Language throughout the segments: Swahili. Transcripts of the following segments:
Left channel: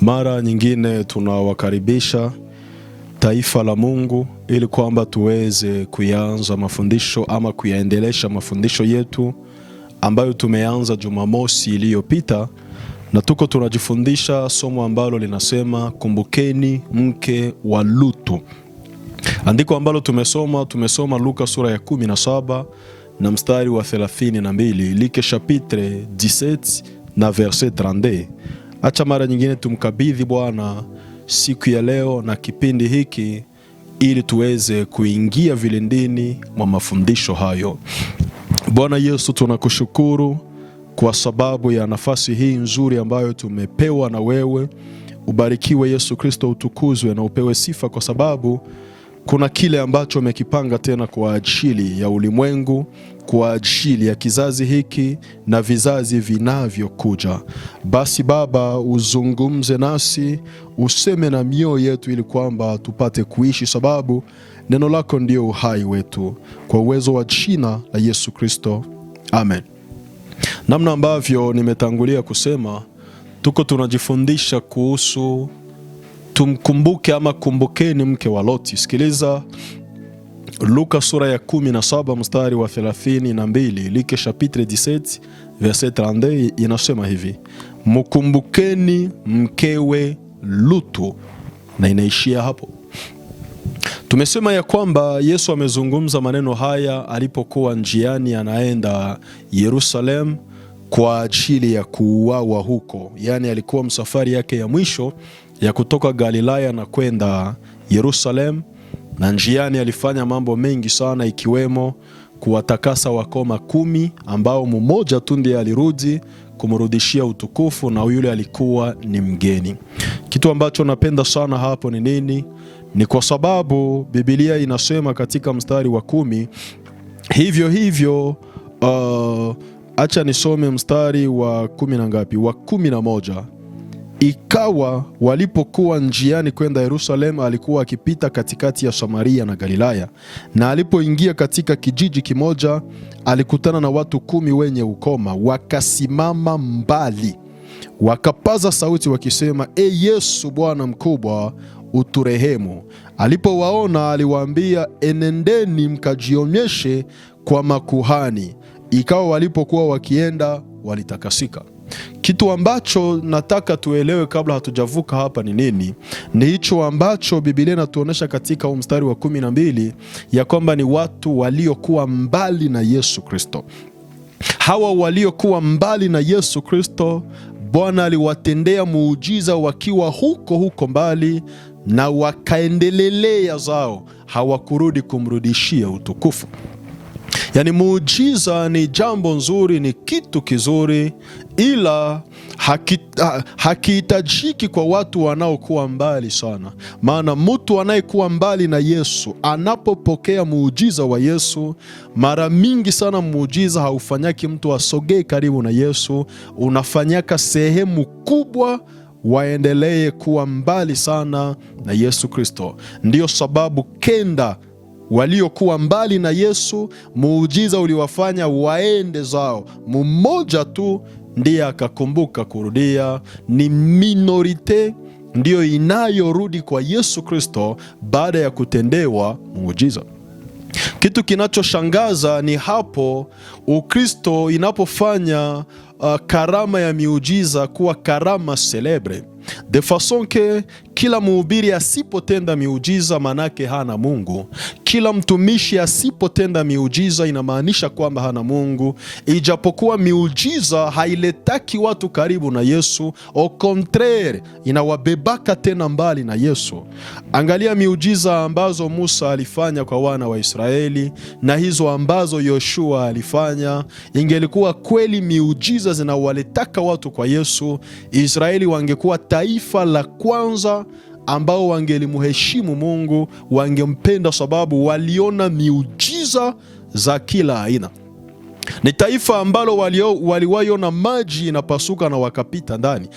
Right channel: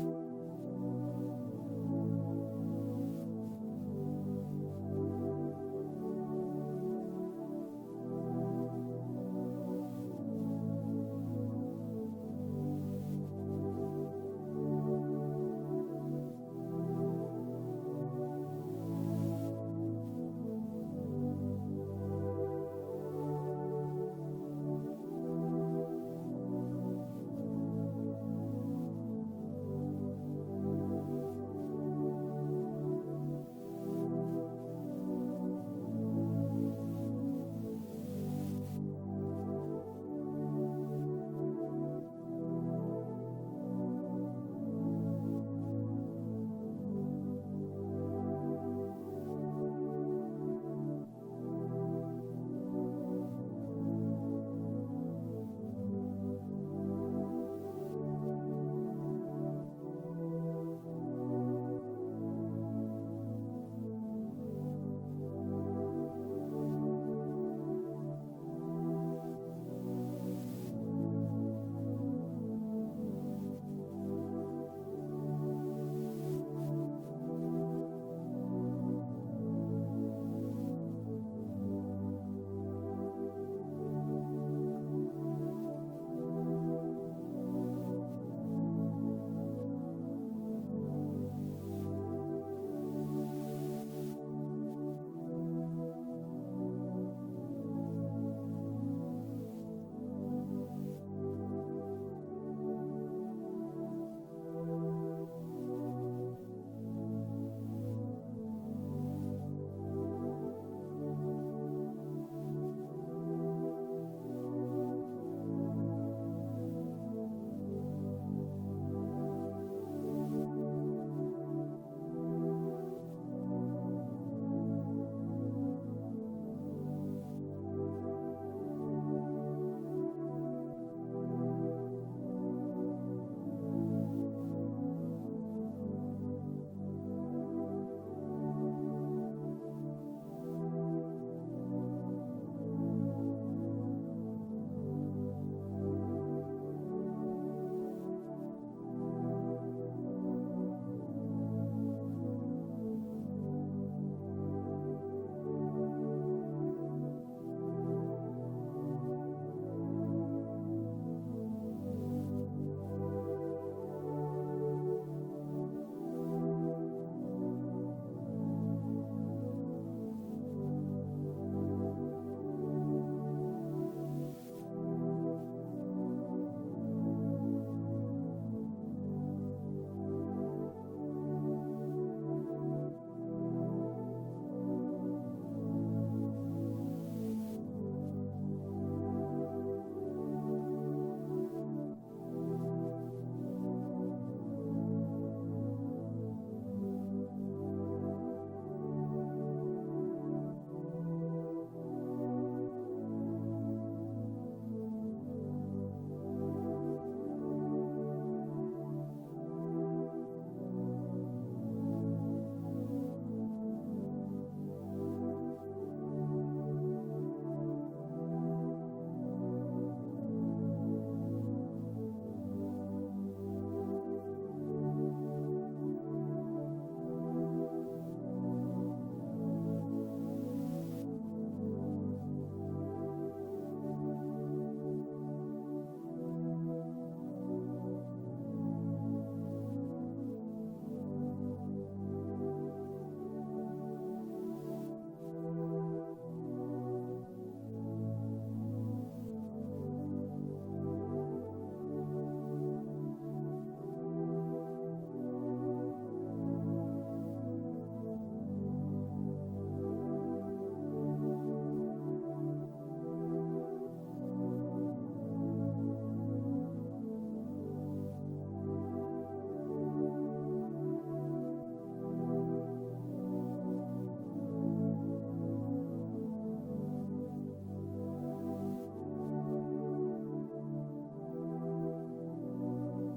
Mara nyingine tunawakaribisha taifa la Mungu ili kwamba tuweze kuanza mafundisho ama kuyaendelesha mafundisho yetu ambayo tumeanza Jumamosi iliyopita, na tuko tunajifundisha somo ambalo linasema kumbukeni mke wa Lutu. Andiko ambalo tumesoma Luka sura ya 17 na mstari wa 32, like chapitre 17 na verset 32. Acha mara nyingine tumkabidhi Bwana siku ya leo na kipindi hiki ili tuweze kuingia vilindini mwa mafundisho hayo. Bwana Yesu, tunakushukuru kwa sababu ya nafasi hii nzuri ambayo tumepewa na wewe. Ubarikiwe Yesu Kristo, utukuzwe na upewe sifa, kwa sababu kuna kile ambacho umekipanga tena kwa ajili ya ulimwengu, kwa ajili ya kizazi hiki na vizazi vinavyokuja. Basi Baba, uzungumze nasi, useme na mioyo yetu ili kwamba tupate kuishi, sababu neno lako ndio uhai wetu, kwa uwezo wa jina la Yesu Kristo, amen. Namna ambavyo nimetangulia kusema, tuko tunajifundisha kuhusu tumkumbuke ama kumbukeni mke wa Loti. Sikiliza Luka sura ya 17 mstari wa 32, like chapitre 17 verset 32, inasema hivi: mkumbukeni mkewe Lutu, na inaishia hapo. Tumesema ya kwamba Yesu amezungumza maneno haya alipokuwa njiani anaenda Yerusalemu kwa ajili ya kuuawa huko. Yani alikuwa msafari yake ya mwisho ya kutoka Galilaya na kwenda Yerusalemu, na njiani alifanya mambo mengi sana, ikiwemo kuwatakasa wakoma 10 ambao mmoja tu ndiye alirudi kumrudishia utukufu, na yule alikuwa ni mgeni. Kitu ambacho napenda sana hapo ni nini? Ni kwa sababu Biblia inasema katika mstari wa 10 hivyo acha nisome mstari wa 10 na ngapi? Wa 11. Ikawa walipokuwa njiani kwenda Yerusalemu, alikuwa akipita katikati ya Samaria na Galilaya, na alipoingia katika kijiji kimoja, alikutana na watu 10 wenye ukoma. Wakasimama mbali, wakapaza sauti wakisema, E Yesu, Bwana mkubwa, uturehemu. Alipowaona aliwaambia, enendeni mkajionyeshe kwa makuhani. Ikawa walipokuwa wakienda, walitakasika. Kitu ambacho nataka tuelewe kabla hatujavuka hapa ni nini? Ni hicho ambacho Biblia inatuonesha katika mstari wa 12, ya kwamba ni watu waliokuwa mbali na Yesu Kristo. Hawa waliokuwa mbali na Yesu Kristo, Bwana aliwatendea muujiza wakiwa huko mbali, na wakaendelelea zao, hawakurudi kumrudishia utukufu. Yani muujiza ni jambo nzuri, ni kitu kizuri, ila hakihitajiki kwa watu wanaokuwa mbali sana. Maana mtu anayekuwa mbali na Yesu anapopokea muujiza wa Yesu, mara mingi sana muujiza haufanyaki mtu asogee karibu na Yesu, unafanyaka sehemu kubwa waendelee kuwa mbali sana na Yesu Kristo. Ndiyo sababu kenda waliokuwa mbali na Yesu, muujiza uliwafanya waende zao. Mmoja tu ndiye akakumbuka kurudia. Ni minorite ndiyo inayorudi kwa Yesu Kristo baada ya kutendewa muujiza. Kitu kinachoshangaza ni hapo Ukristo inapofanya karama ya miujiza kuwa karama celebre, de façon que kila mhubiri asipotenda miujiza manake hana Mungu. Kila mtumishi asipotenda miujiza inamaanisha kwamba hana Mungu, ijapokuwa miujiza hailetaki watu karibu na Yesu, au contraire inawabebaka tena mbali na Yesu. Angalia miujiza ambazo Musa alifanya kwa wana wa Israeli na hizo ambazo Yoshua alifanya. Ingelikuwa kweli miujiza zinawaletaka watu kwa Yesu, Israeli wangekuwa taifa la kwanza ambao wangelimuheshimu Mungu, wangempenda, sababu waliona miujiza za kila aina. Ni taifa ambalo waliwaiona maji inapasuka na wakapita ndani.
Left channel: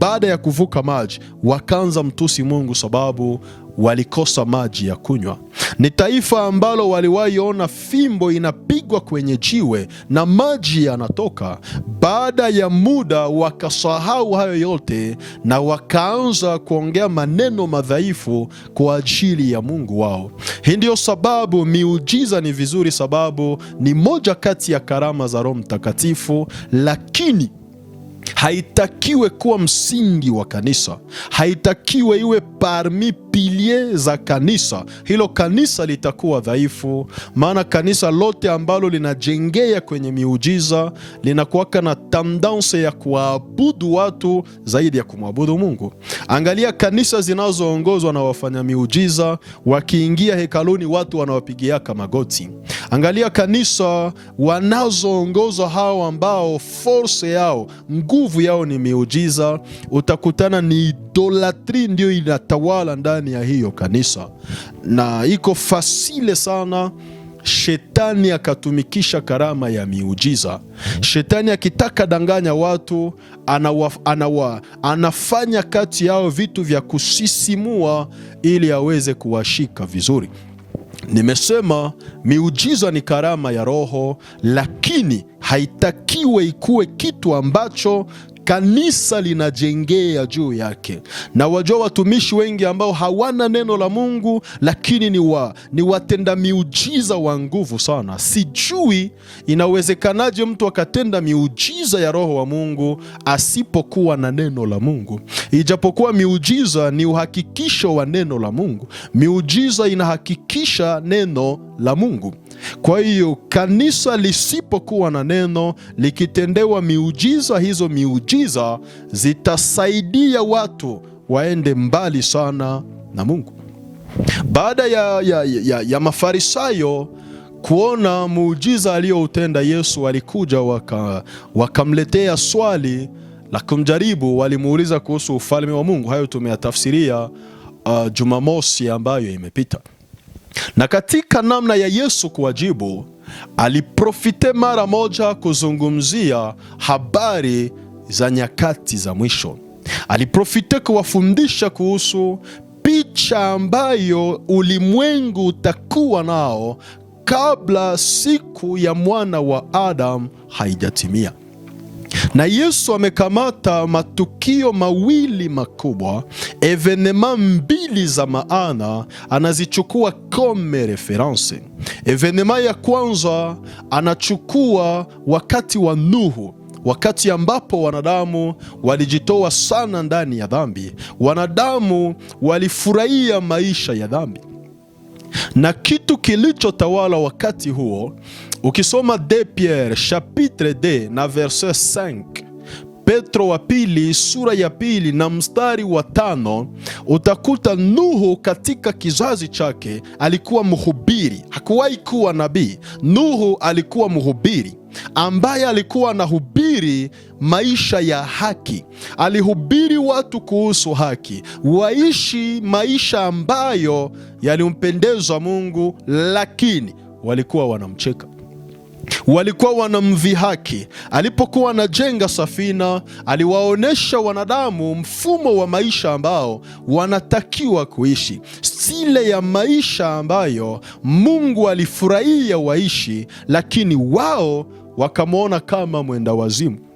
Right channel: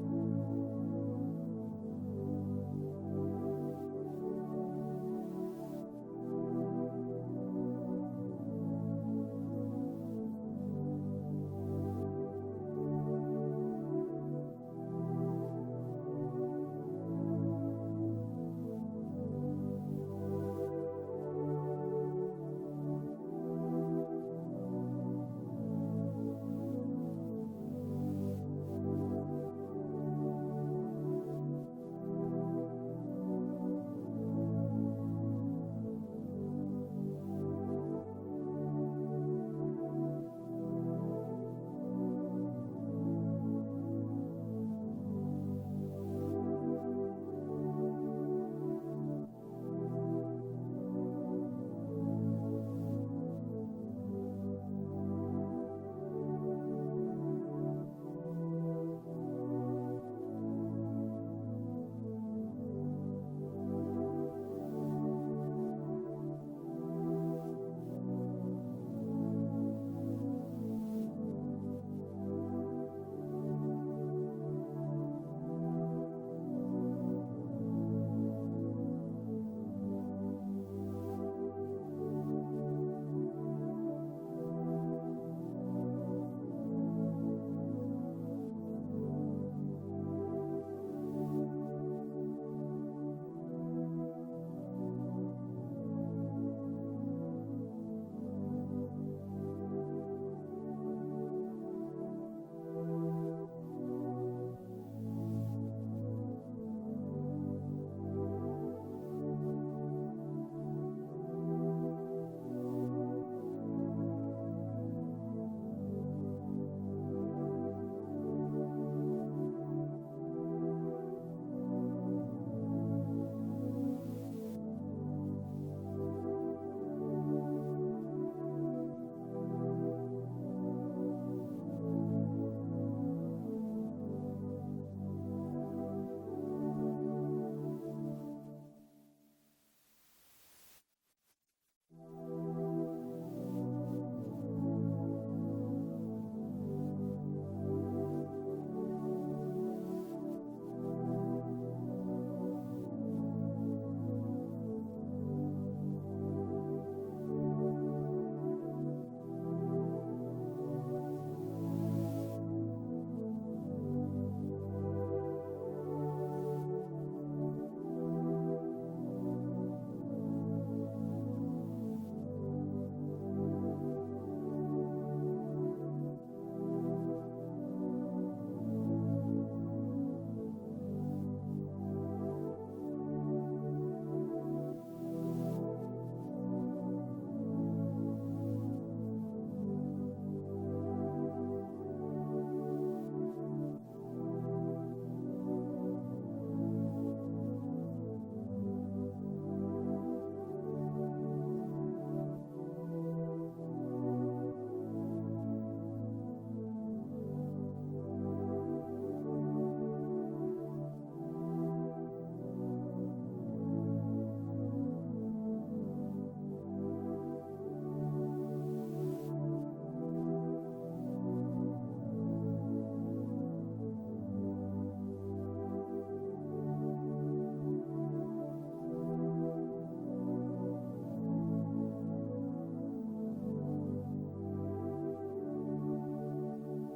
Baada ya kuvuka maji wakaanza mtusi Mungu, sababu walikosa maji ya kunywa. Ni taifa ambalo waliwahi ona fimbo inapigwa kwenye jiwe na maji yanatoka. Baada ya muda wakasahau hayo yote na wakaanza kuongea maneno madhaifu kwa ajili ya Mungu wao. Hii ndio sababu miujiza ni vizuri, sababu ni moja kati ya karama za Roho Mtakatifu, lakini haitakiwe kuwa msingi wa kanisa, haitakiwe iwe parmi pilie za kanisa. Hilo kanisa litakuwa dhaifu, maana kanisa lote ambalo linajengea kwenye miujiza linakuwaka na tendensi ya kuabudu watu zaidi ya kumwabudu Mungu. Angalia kanisa zinazoongozwa na wafanya miujiza, wakiingia hekaluni watu wanawapigiaka magoti. Angalia kanisa wanazoongozwa hao ambao force yao, nguvu yao ni miujiza, utakutana ni idolatri ndio inatawala ndani ya hiyo kanisa, na iko fasile sana Shetani akatumikisha karama ya miujiza. Shetani akitaka danganya watu, anafanya kati yao vitu vya kusisimua ili aweze kuwashika vizuri. Nimesema miujiza ni karama ya Roho, lakini haitakiwe ikuwe kitu ambacho kanisa linajengea juu yake. Na wajua watumishi wengi ambao hawana neno la Mungu, lakini ni watenda miujiza wa nguvu sana. Sijui inawezekanaje mtu akatenda miujiza ya Roho wa Mungu asipokuwa na neno la Mungu. Ijapokuwa miujiza ni uhakikisho wa neno la Mungu. Miujiza inahakikisha neno la Mungu. Kwa hiyo kanisa lisipokuwa na neno, likitendewa miujiza, hizo miujiza zitasaidia watu waende mbali sana na Mungu. Baada ya Mafarisayo kuona muujiza aliyoutenda Yesu, walikuja wakamletea swali la kumjaribu. Walimuuliza kuhusu ufalme wa Mungu. Hayo tumeyatafsiria Jumamosi ambayo imepita. Na katika namna ya Yesu kuwajibu, aliprofite mara moja kuzungumzia habari za nyakati za mwisho. Aliprofite kuwafundisha kuhusu picha ambayo ulimwengu utakuwa nao kabla siku ya mwana wa Adam haijatimia. Na Yesu amekamata matukio mawili makubwa, evenema mbili za maana, anazichukua comme reference. Evenema ya kwanza anachukua wakati wa Nuhu, wakati ambapo wanadamu walijitoa sana ndani ya dhambi. Wanadamu walifurahia maisha ya dhambi, na kitu kilichotawala wakati huo, ukisoma 2 Pierre chapitre 2 na verset 5, Petro wa pili sura ya pili na mstari wa 5, utakuta Nuhu katika kizazi chake alikuwa mhubiri. Hakuwahi kuwa nabii. Nuhu alikuwa mhubiri ambaye alikuwa anahubiri maisha ya haki. Alihubiri watu kuhusu haki, waishi maisha ambayo yalimpendeza Mungu, lakini walikuwa wanamcheka, walikuwa wanamdhihaki. Alipokuwa anajenga safina, aliwaonesha wanadamu mfumo wa maisha ambao wanatakiwa kuishi, stile ya maisha ambayo Mungu alifurahia waishi, lakini wao wakamwona kama mwenda wazimu,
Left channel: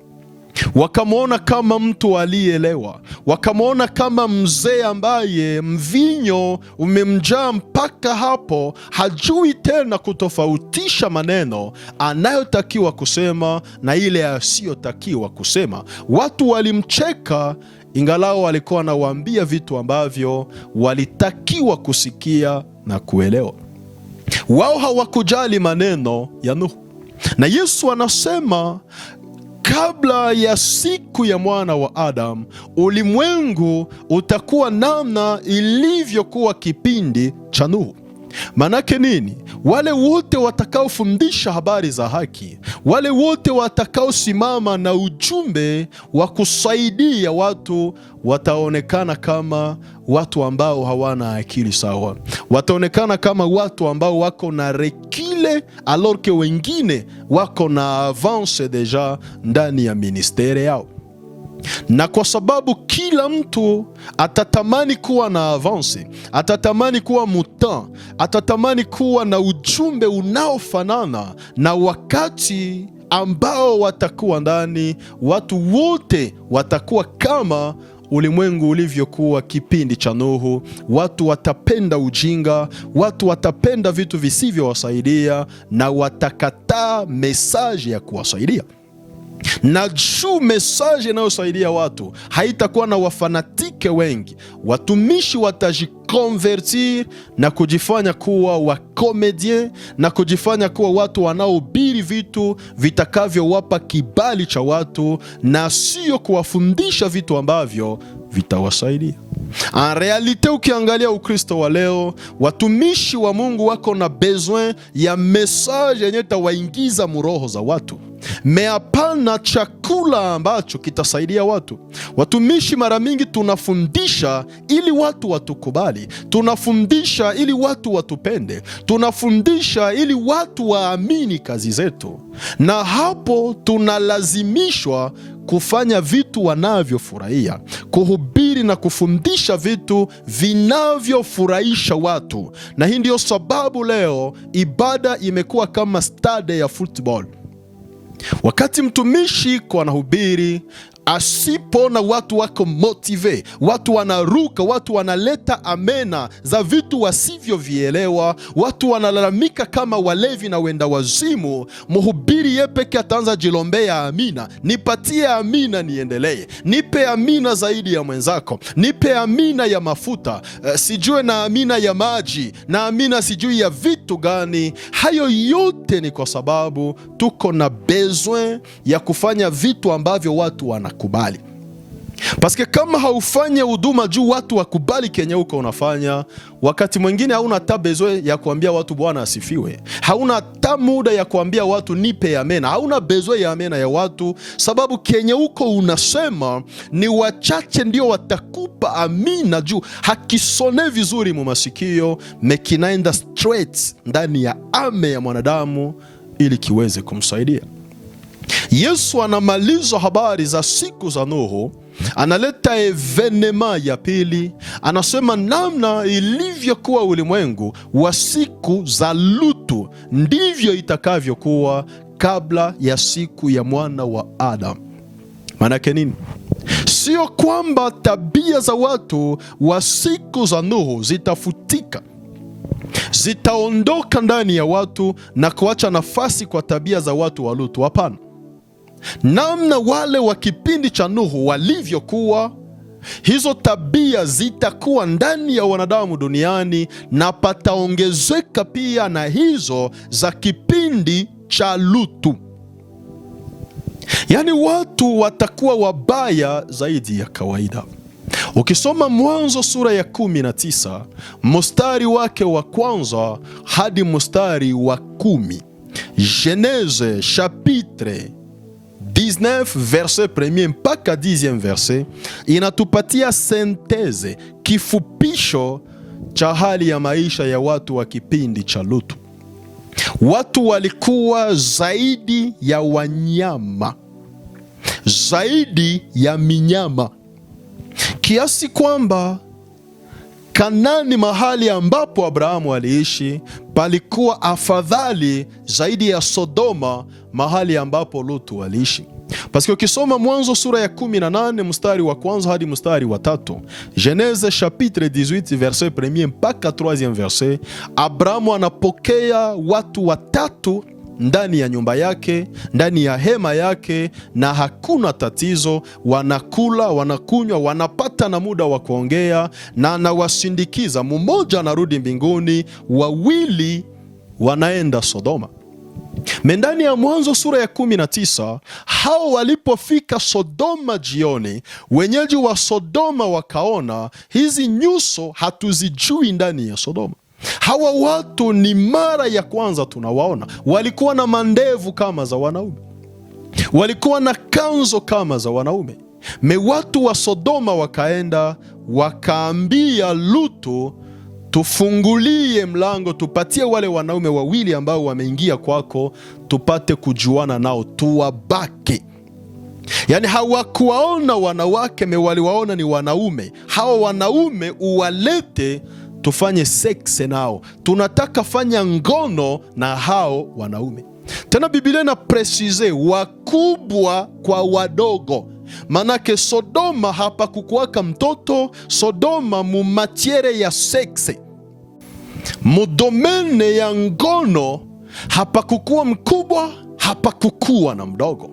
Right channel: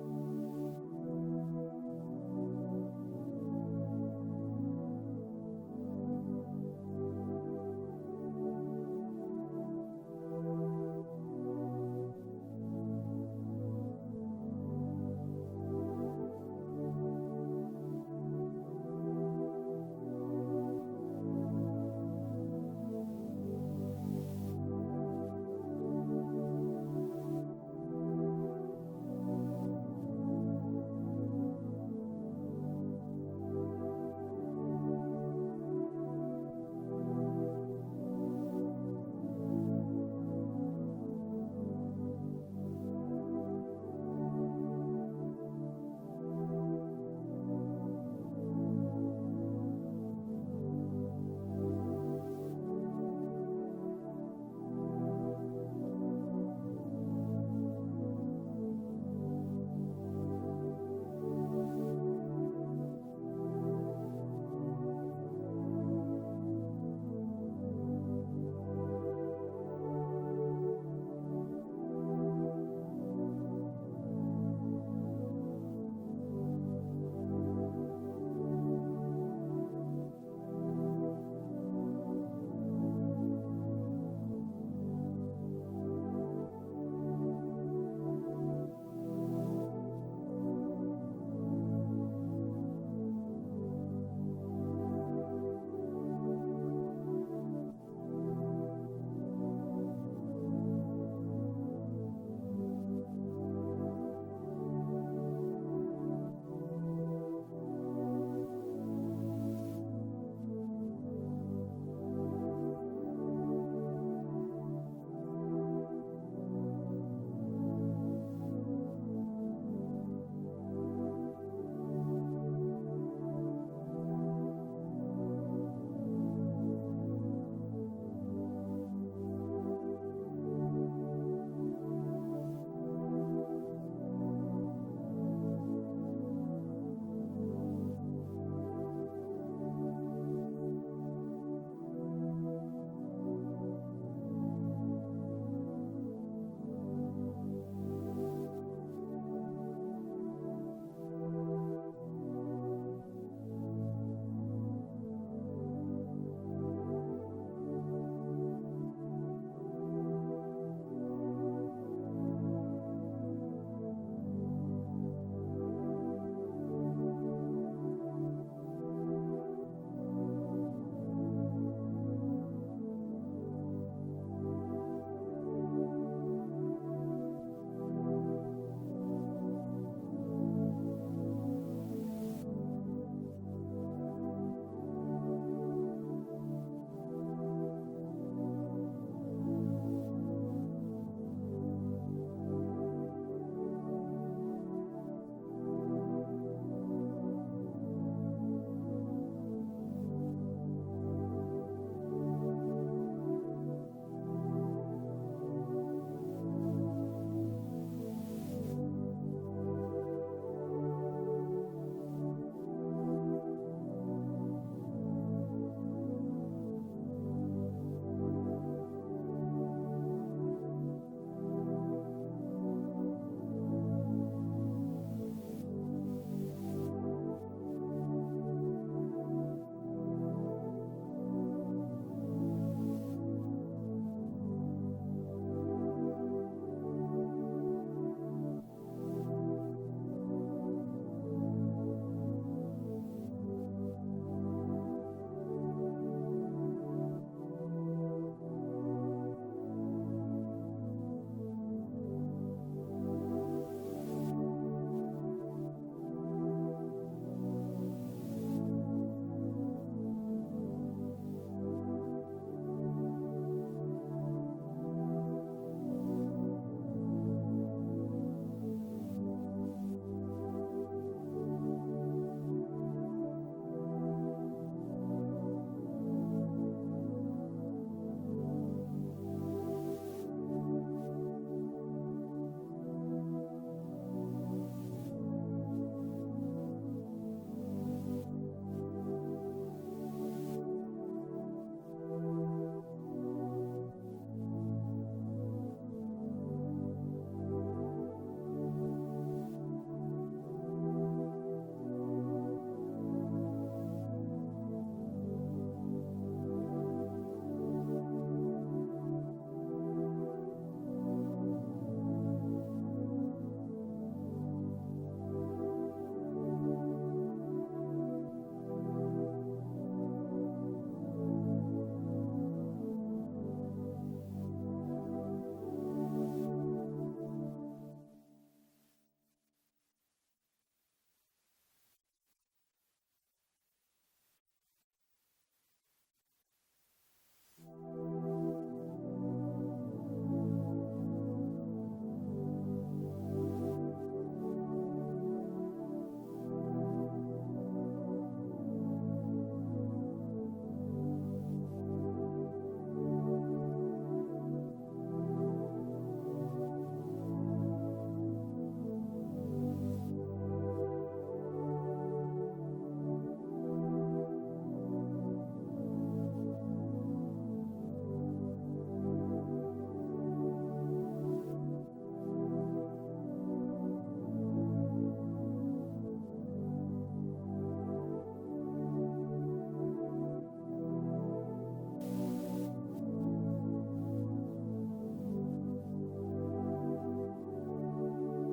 wakamwona kama mtu aliyeelewa, wakamwona kama mzee ambaye mvinyo umemjaa mpaka hapo hajui tena kutofautisha maneno anayotakiwa kusema na ile asiyotakiwa kusema. Watu walimcheka, ingalao walikuwa anawaambia vitu ambavyo walitakiwa kusikia na kuelewa. Wao hawakujali maneno ya Nuhu. Na Yesu anasema kabla ya siku ya mwana wa Adam, ulimwengu utakuwa namna ilivyokuwa kipindi cha Nuhu. Manake nini? Wale wote watakaofundisha habari za haki, wale wote watakaosimama na ujumbe wa kusaidia watu, wataonekana kama watu ambao hawana akili sawa. Wataonekana kama watu ambao wako na rekile, alors que wengine wako na avance deja ndani ya ministere yao. Na kwa sababu kila mtu atatamani kuwa na avance, atatamani kuwa mutant, atatamani kuwa na ujumbe unaofanana na wakati ambao watakuwa ndani, watu wote watakuwa kama ulimwengu ulivyokuwa kipindi cha Nuhu. Watu watapenda ujinga, watu watapenda vitu visivyowasaidia na watakataa mesaji ya kuwasaidia. Na juu mesaji inayosaidia watu haitakuwa na wafanatike wengi, watumishi watajikonvertir na kujifanya kuwa wakomedien na kujifanya kuwa watu wanaohubiri vitu vitakavyowapa kibali cha watu na sio kuwafundisha vitu ambavyo vitawasaidia. En realite, ukiangalia Ukristo wa leo, watumishi wa Mungu wako na besoin ya message yenye tawaingiza muroho za watu, hapana chakula ambacho kitasaidia watu. Watumishi mara mingi tunafundisha ili watu watukubali, tunafundisha ili watu watupende, tunafundisha ili watu waamini kazi zetu, na hapo tunalazimishwa kufanya vitu wanavyofurahia, kuhubiri na kufundisha vitu vinavyofurahisha watu. Na hii ndio sababu leo ibada imekuwa kama stade ya football. Wakati mtumishi kwa anahubiri, asipona watu wako motive, watu wanaruka, watu wanaleta amena za vitu wasivyovielewa, watu wanalalamika kama walevi na wenda wazimu, mhubiri yeye peke ataanza jilombea amina, nipatie amina niendelee, nipe amina zaidi ya mwenzako, nipe amina ya mafuta, sijue na amina ya maji, na amina sijui ya vitu gani. Hayo yote ni kwa sababu tuko na besoin ya kufanya vitu ambavyo watu wanakubali. Paske kama haufanye huduma juu watu wakubali kenye uko unafanya, wakati mwingine hauna hata besoin ya kuambia watu Bwana asifiwe, hauna hata muda ya kuambia watu nipe amena, hauna besoin ya amena ya watu, sababu kenye uko unasema ni wachache ndio watakupa amina juu hakisone vizuri mu masikio, mekinaenda straight ndani ya ame ya mwanadamu ili kiweze kumsaidia. Yesu anamaliza habari za siku za Nuhu, analeta evenema ya pili, anasema namna ilivyokuwa ulimwengu wa siku za Lutu ndivyo itakavyokuwa kabla ya siku ya mwana wa Adamu. Maanake nini? Sio kwamba tabia za watu wa siku za Nuhu zitafutika, zitaondoka ndani ya watu na kuacha nafasi kwa tabia za watu wa Lutu. Hapana. Namna wale wa kipindi cha Nuhu walivyokuwa, hizo tabia zitakuwa ndani ya wanadamu duniani, na pataongezeka pia na hizo za kipindi cha Lutu. Yaani watu watakuwa wabaya zaidi ya kawaida. Ukisoma Mwanzo sura ya 19 mstari wake wa kwanza hadi mstari wa 10, Genese chapitre 19 verset 1 mpaka 10 verset, inatupatia senteze, kifupisho cha hali ya maisha ya watu wa kipindi cha Lutu. Watu walikuwa zaidi ya wanyama, zaidi ya minyama, kiasi kwamba Kanani, mahali ambapo Abrahamu aliishi, palikuwa afadhali zaidi ya Sodoma, mahali ambapo Lutu aliishi. Paske ukisoma Mwanzo sura ya 18 mstari wa kwanza hadi mstari wa 3, Genese chapitre 18 verset 1 mpaka 3e verset, Abrahamu anapokea watu watatu ndani ya nyumba yake, ndani ya hema yake, na hakuna tatizo. Wanakula, wanakunywa, wanapata na muda wa kuongea, na anawasindikiza. Mmoja anarudi mbinguni, wawili wanaenda Sodoma. Ndani ya Mwanzo sura ya 19, hao walipofika Sodoma jioni, wenyeji wa Sodoma wakaona hizi nyuso hatuzijui ndani ya Sodoma. Hawa watu ni mara ya kwanza tunawaona. Walikuwa na mandevu kama za wanaume, walikuwa na kanzo kama za wanaume. Watu wa Sodoma wakaenda wakaambia Lutu, tufungulie mlango, tupatie wale wanaume wawili ambao wameingia kwako, tupate kujuana nao, tuwabake. Yani hawakuwaona wanawake, waliwaona ni wanaume. Hawa wanaume uwalete tufanye sexe nao, tunataka fanya ngono na hao wanaume. Tena Biblia na presize wakubwa kwa wadogo. Manake Sodoma hapa kukuwaka mtoto. Sodoma mu matiere ya sexe, mudomene ya ngono, hapa kukuwa mkubwa, hapa kukuwa na mdogo.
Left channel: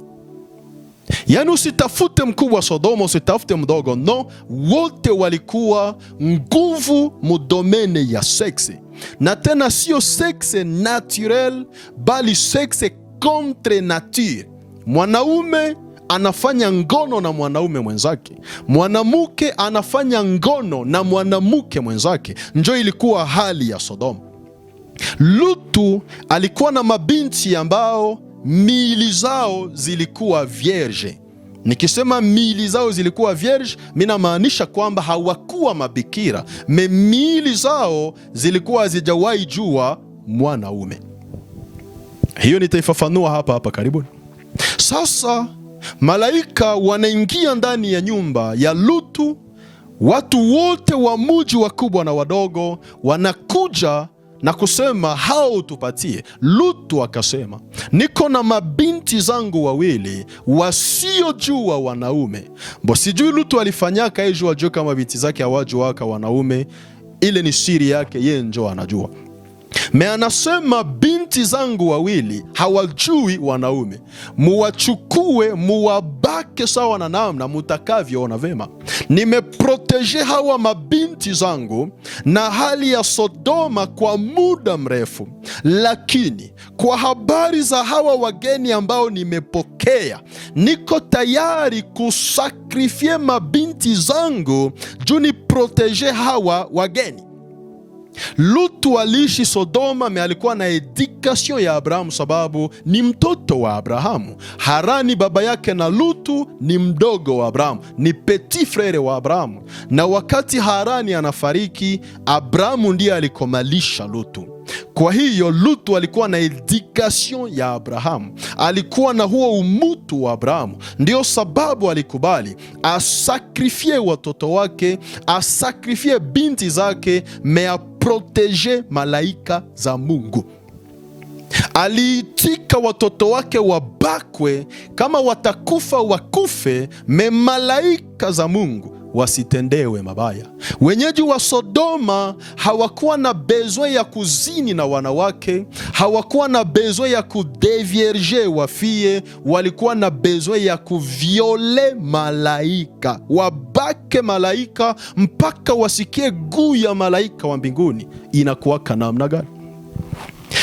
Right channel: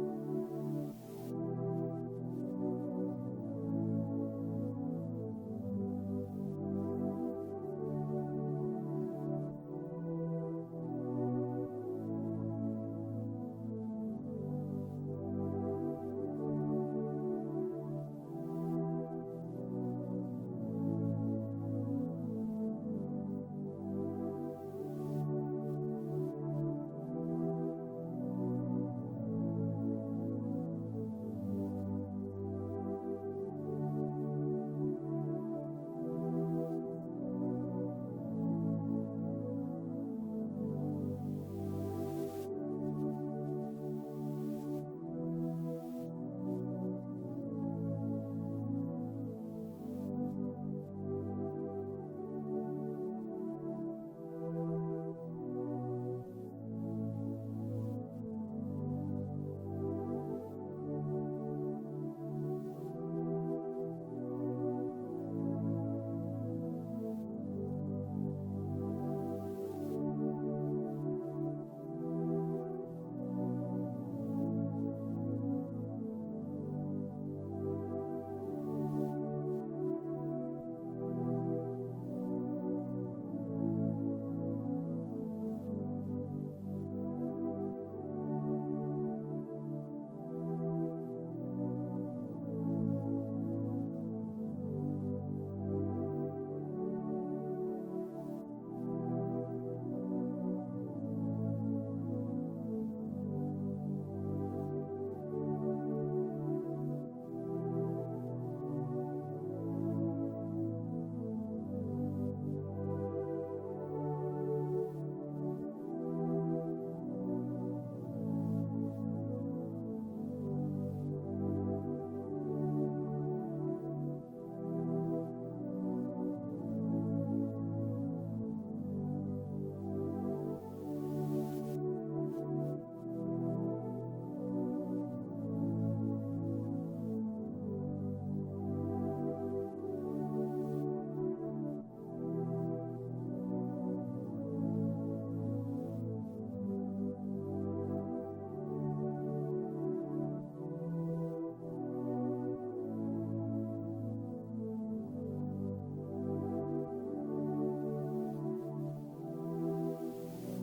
Yani usitafute mkubwa Sodoma, usitafute mdogo, no, wote walikuwa nguvu mudomene ya sexe. Na tena sio sexe naturel, bali sexe contre nature. Mwanaume anafanya ngono na mwanaume mwenzake, mwanamke anafanya ngono na mwanamke mwenzake. Njo ilikuwa hali ya Sodoma. Lutu alikuwa na mabinti ambao miili zao zilikuwa vierge. Nikisema miili zao zilikuwa vierge, mina maanisha kwamba hawakuwa mabikira, miili zao zilikuwa hazijawahi jua mwanaume. Hiyo nitaifafanua hapa karibuni. Sasa malaika wanaingia ndani ya nyumba ya Lutu. Watu wote wa mji, wakubwa na wadogo, wanakuja na kusema hao tupatie. Lutu akasema, niko na mabinti zangu wawili wasiojua wanaume. Sijui Lutu alifanyaka ejo ajue kama binti zake hawajuaka wanaume. Ile ni siri yake, yeye njo anajua. Anasema binti zangu wawili hawajui wanaume, muwachukue muwabake sawa na namna mutakavyoona vema. Nimeproteje hawa mabinti zangu na hali ya Sodoma kwa muda mrefu, lakini kwa habari za hawa wageni ambao nimepokea, niko tayari kusakrifie mabinti zangu juu ni proteje hawa wageni. Lutu aliishi Sodoma, alikuwa na edukasyon ya Abrahamu sababu ni mtoto wa Abrahamu. Harani baba yake na Lutu ni mdogo wa Abrahamu, ni petit frere wa Abrahamu. Na wakati Harani anafariki, Abrahamu ndiye alikomalisha Lutu. Kwa hiyo Lutu alikuwa na edukasyon ya Abrahamu, alikuwa na huo umutu wa Abrahamu. Ndio sababu alikubali asakrifie watoto wake, asakrifie binti zake, aproteje malaika za Mungu. Aliitika watoto wake wabakwe, kama watakufa wakufe, malaika za Mungu wasitendewe mabaya. Wenyeji wa Sodoma hawakuwa na bezwe ya kuzini na wanawake, hawakuwa na bezwe ya kudevierge wafie, walikuwa na bezwe ya kuviole malaika, wabake malaika mpaka wasikie guu ya malaika wa mbinguni. Inakuwa namna gani?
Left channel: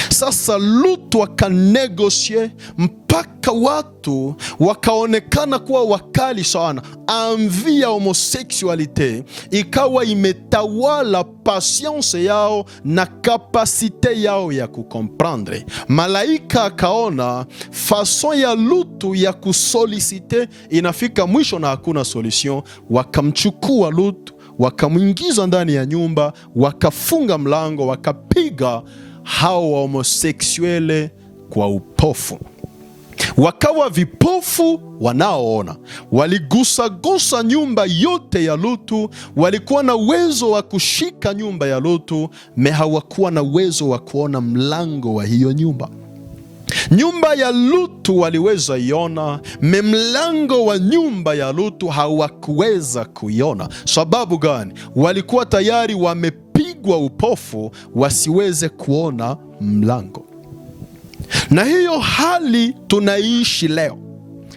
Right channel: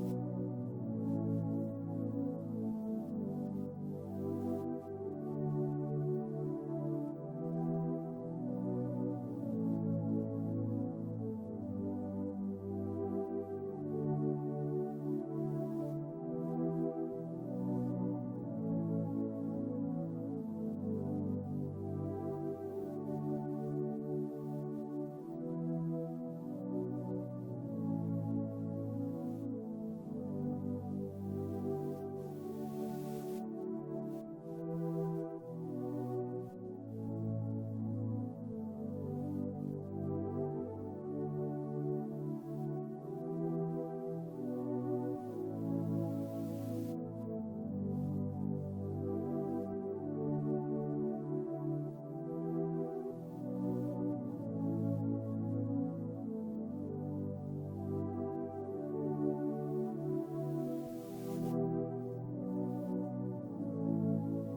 Sasa Lutu akanegosie mpaka watu wakaonekana kuwa wakali sana. Envie ya homosexualite ikawa imetawala patience yao na kapasite yao ya kukomprendre. Malaika akaona fason ya Lutu ya kusolicite inafika mwisho na hakuna solution. Wakamchukua Lutu, wakamwingiza ndani ya nyumba, wakafunga mlango, wakapiga hao wa homoseksuele kwa upofu. Wakawa vipofu wanaoona. Waligusagusa nyumba yote ya Lutu, walikuwa na uwezo wa kushika nyumba ya Lutu, hawakuwa na uwezo wa kuona mlango wa hiyo nyumba. Nyumba ya Lutu waliweza iona, mlango wa nyumba ya Lutu hawakuweza kuiona. Sababu gani? Walikuwa tayari wamepigwa upofu wasiweze kuona mlango. Na hiyo hali tunaishi leo.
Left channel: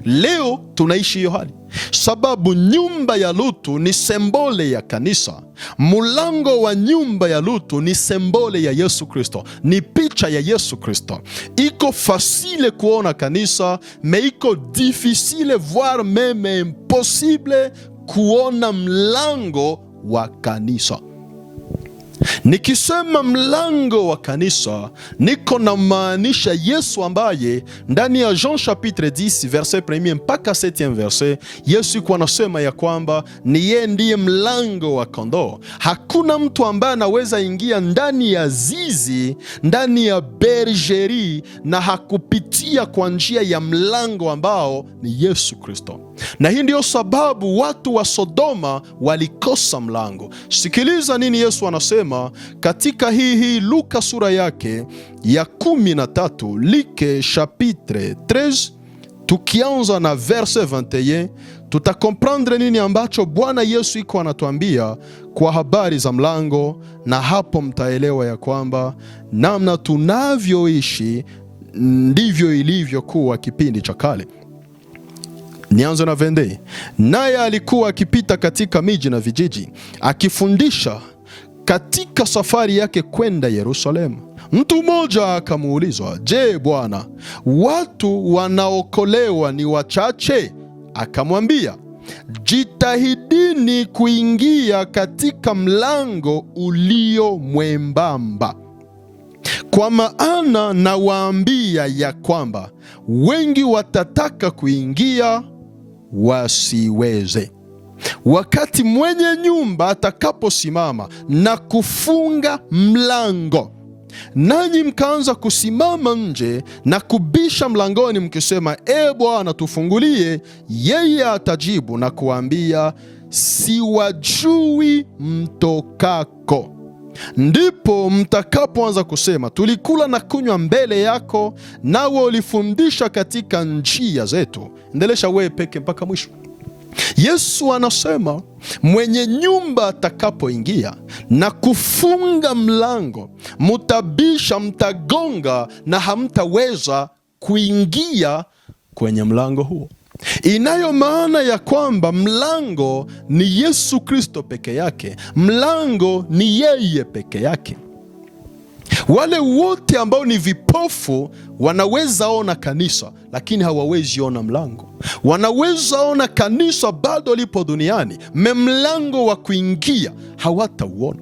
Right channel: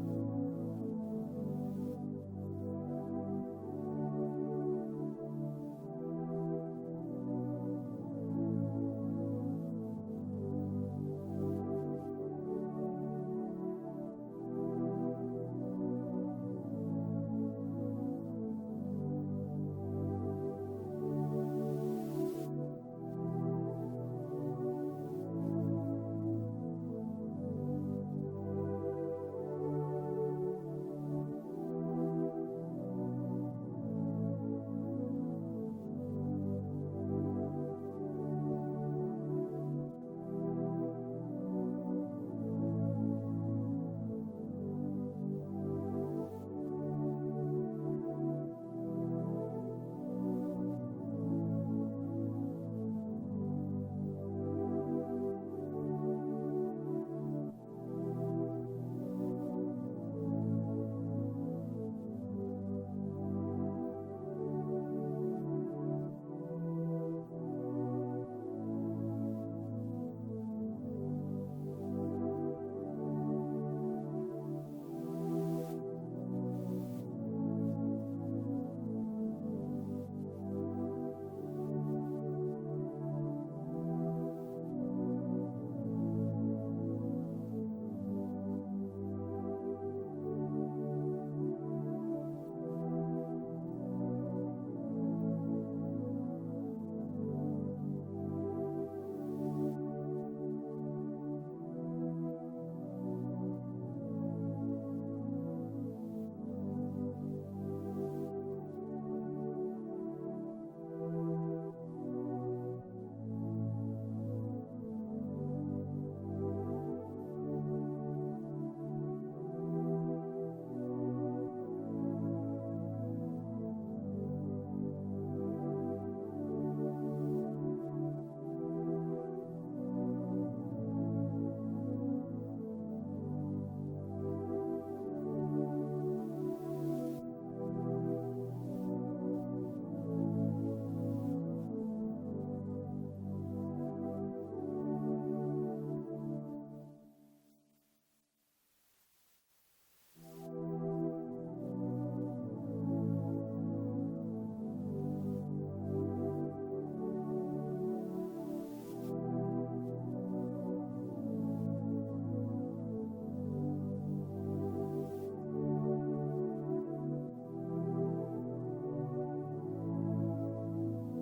Leo tunaishi hiyo hali sababu nyumba ya Lutu ni sembole ya kanisa. Mulango wa nyumba ya Lutu ni sembole ya Yesu Kristo, ni picha ya Yesu Kristo. Iko fasile kuona kanisa, iko difficile voire meme impossible kuona mlango wa kanisa. Nikisema mlango wa kanisa, niko na maanisha Yesu ambaye ndani ya Jean chapitre 10 verset 1 mpaka 7 verset, Yesu kwa anasema ya kwamba ni yeye ndiye mlango wa kondoo. Hakuna mtu ambaye anaweza ingia ndani ya zizi, ndani ya bergerie na hakupitia kwa njia ya mlango ambao ni Yesu Kristo. na hii ndiyo sababu watu wa Sodoma walikosa mlango. Sikiliza nini Yesu anasema katika hii Luka sura yake ya 13, Luc chapitre 13, tukianza na verse 21, tutakomprendre nini ambacho Bwana Yesu iko anatuambia kwa habari za mlango, na hapo mtaelewa ya kwamba namna tunavyoishi ndivyo ilivyokuwa kipindi cha kale. Nianze na vende. Naye alikuwa akipita katika miji na vijiji akifundisha katika safari yake kwenda Yerusalemu. Mtu mmoja akamuulizwa, je, Bwana, watu wanaokolewa ni wachache? Akamwambia, jitahidini kuingia katika mlango ulio mwembamba, kwa maana nawaambia ya kwamba wengi watataka kuingia wasiweze. Wakati mwenye nyumba atakaposimama na kufunga mlango, nanyi mkaanza kusimama nje na kubisha mlangoni mkisema, e Bwana, tufungulie, yeye atajibu na kuambia, siwajui mtokako. Ndipo mtakapoanza kusema, tulikula na kunywa mbele yako, nawe ulifundisha katika njia zetu. Endelesha wewe peke mpaka mwisho. Yesu anasema mwenye nyumba atakapoingia na kufunga mlango, mutabisha, mtagonga na hamtaweza kuingia kwenye mlango huo. Inayo maana ya kwamba mlango ni Yesu Kristo peke yake. Mlango ni yeye peke yake. Wale wote ambao ni vipofu wanaweza ona kanisa, lakini hawawezi ona mlango. Wanaweza ona kanisa bado lipo duniani, mlango wa kuingia hawatauona.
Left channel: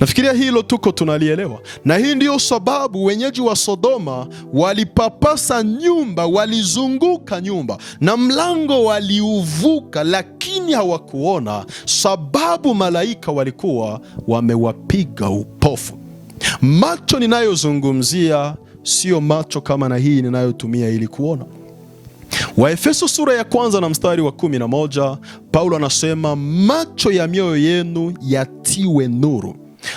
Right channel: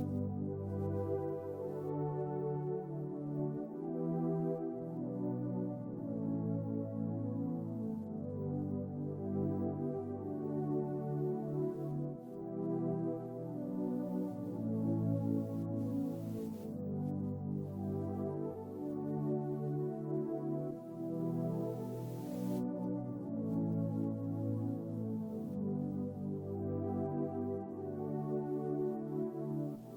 Nafikiria hilo tuko tunalielewa, na hii ndiyo sababu wenyeji wa Sodoma walipapasa nyumba, walizunguka nyumba na mlango waliuvuka, lakini hawakuona, sababu malaika walikuwa wamewapiga upofu. Macho ninayozungumzia sio macho kama na hii ninayotumia ili kuona. Waefeso sura ya 1 na mstari wa 11, Paulo anasema macho ya mioyo yenu yatiwe nuru.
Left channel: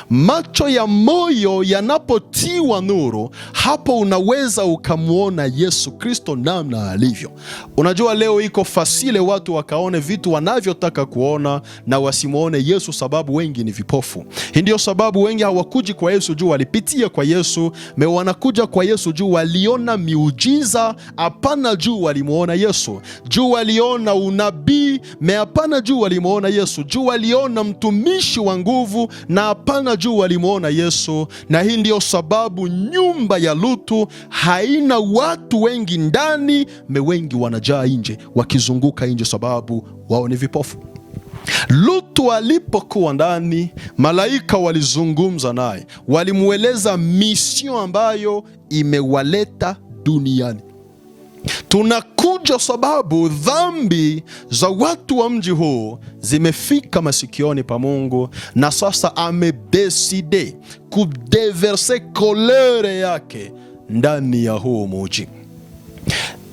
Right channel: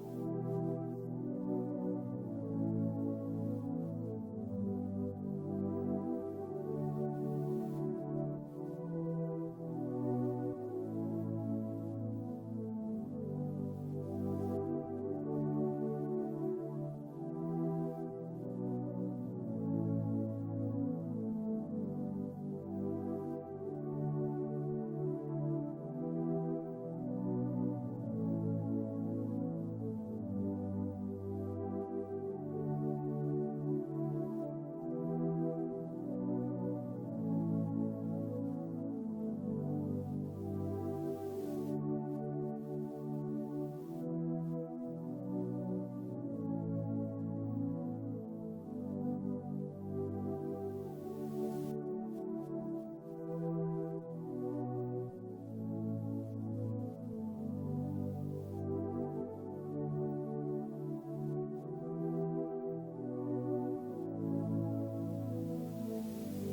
Macho ya moyo yanapotiwa nuru, hapo unaweza ukamwona Yesu Kristo namna alivyo. Unajua leo iko fasile watu wakaone vitu wanavyotaka kuona na wasimuone Yesu, sababu wengi ni vipofu. Hii ndio sababu wengi hawakuji kwa Yesu juu walipitia kwa Yesu, wanakuja kwa Yesu juu waliona miujiza, hapana juu walimuona Yesu. Juu waliona unabii, hapana juu walimuona Yesu. Juu waliona mtumishi wa nguvu, na hapana juu walimuona Yesu. Na hii ndio sababu nyumba ya Lutu haina watu wengi ndani, wengi wanajaa nje, wakizunguka nje, sababu wao ni vipofu. Lutu alipokuwa ndani, malaika walizungumza naye, walimueleza mission ambayo imewaleta duniani. Tunakuja sababu dhambi za watu wa mji huu zimefika masikioni pa Mungu, na sasa amedeside kudeverse kolere yake ndani ya huu mji.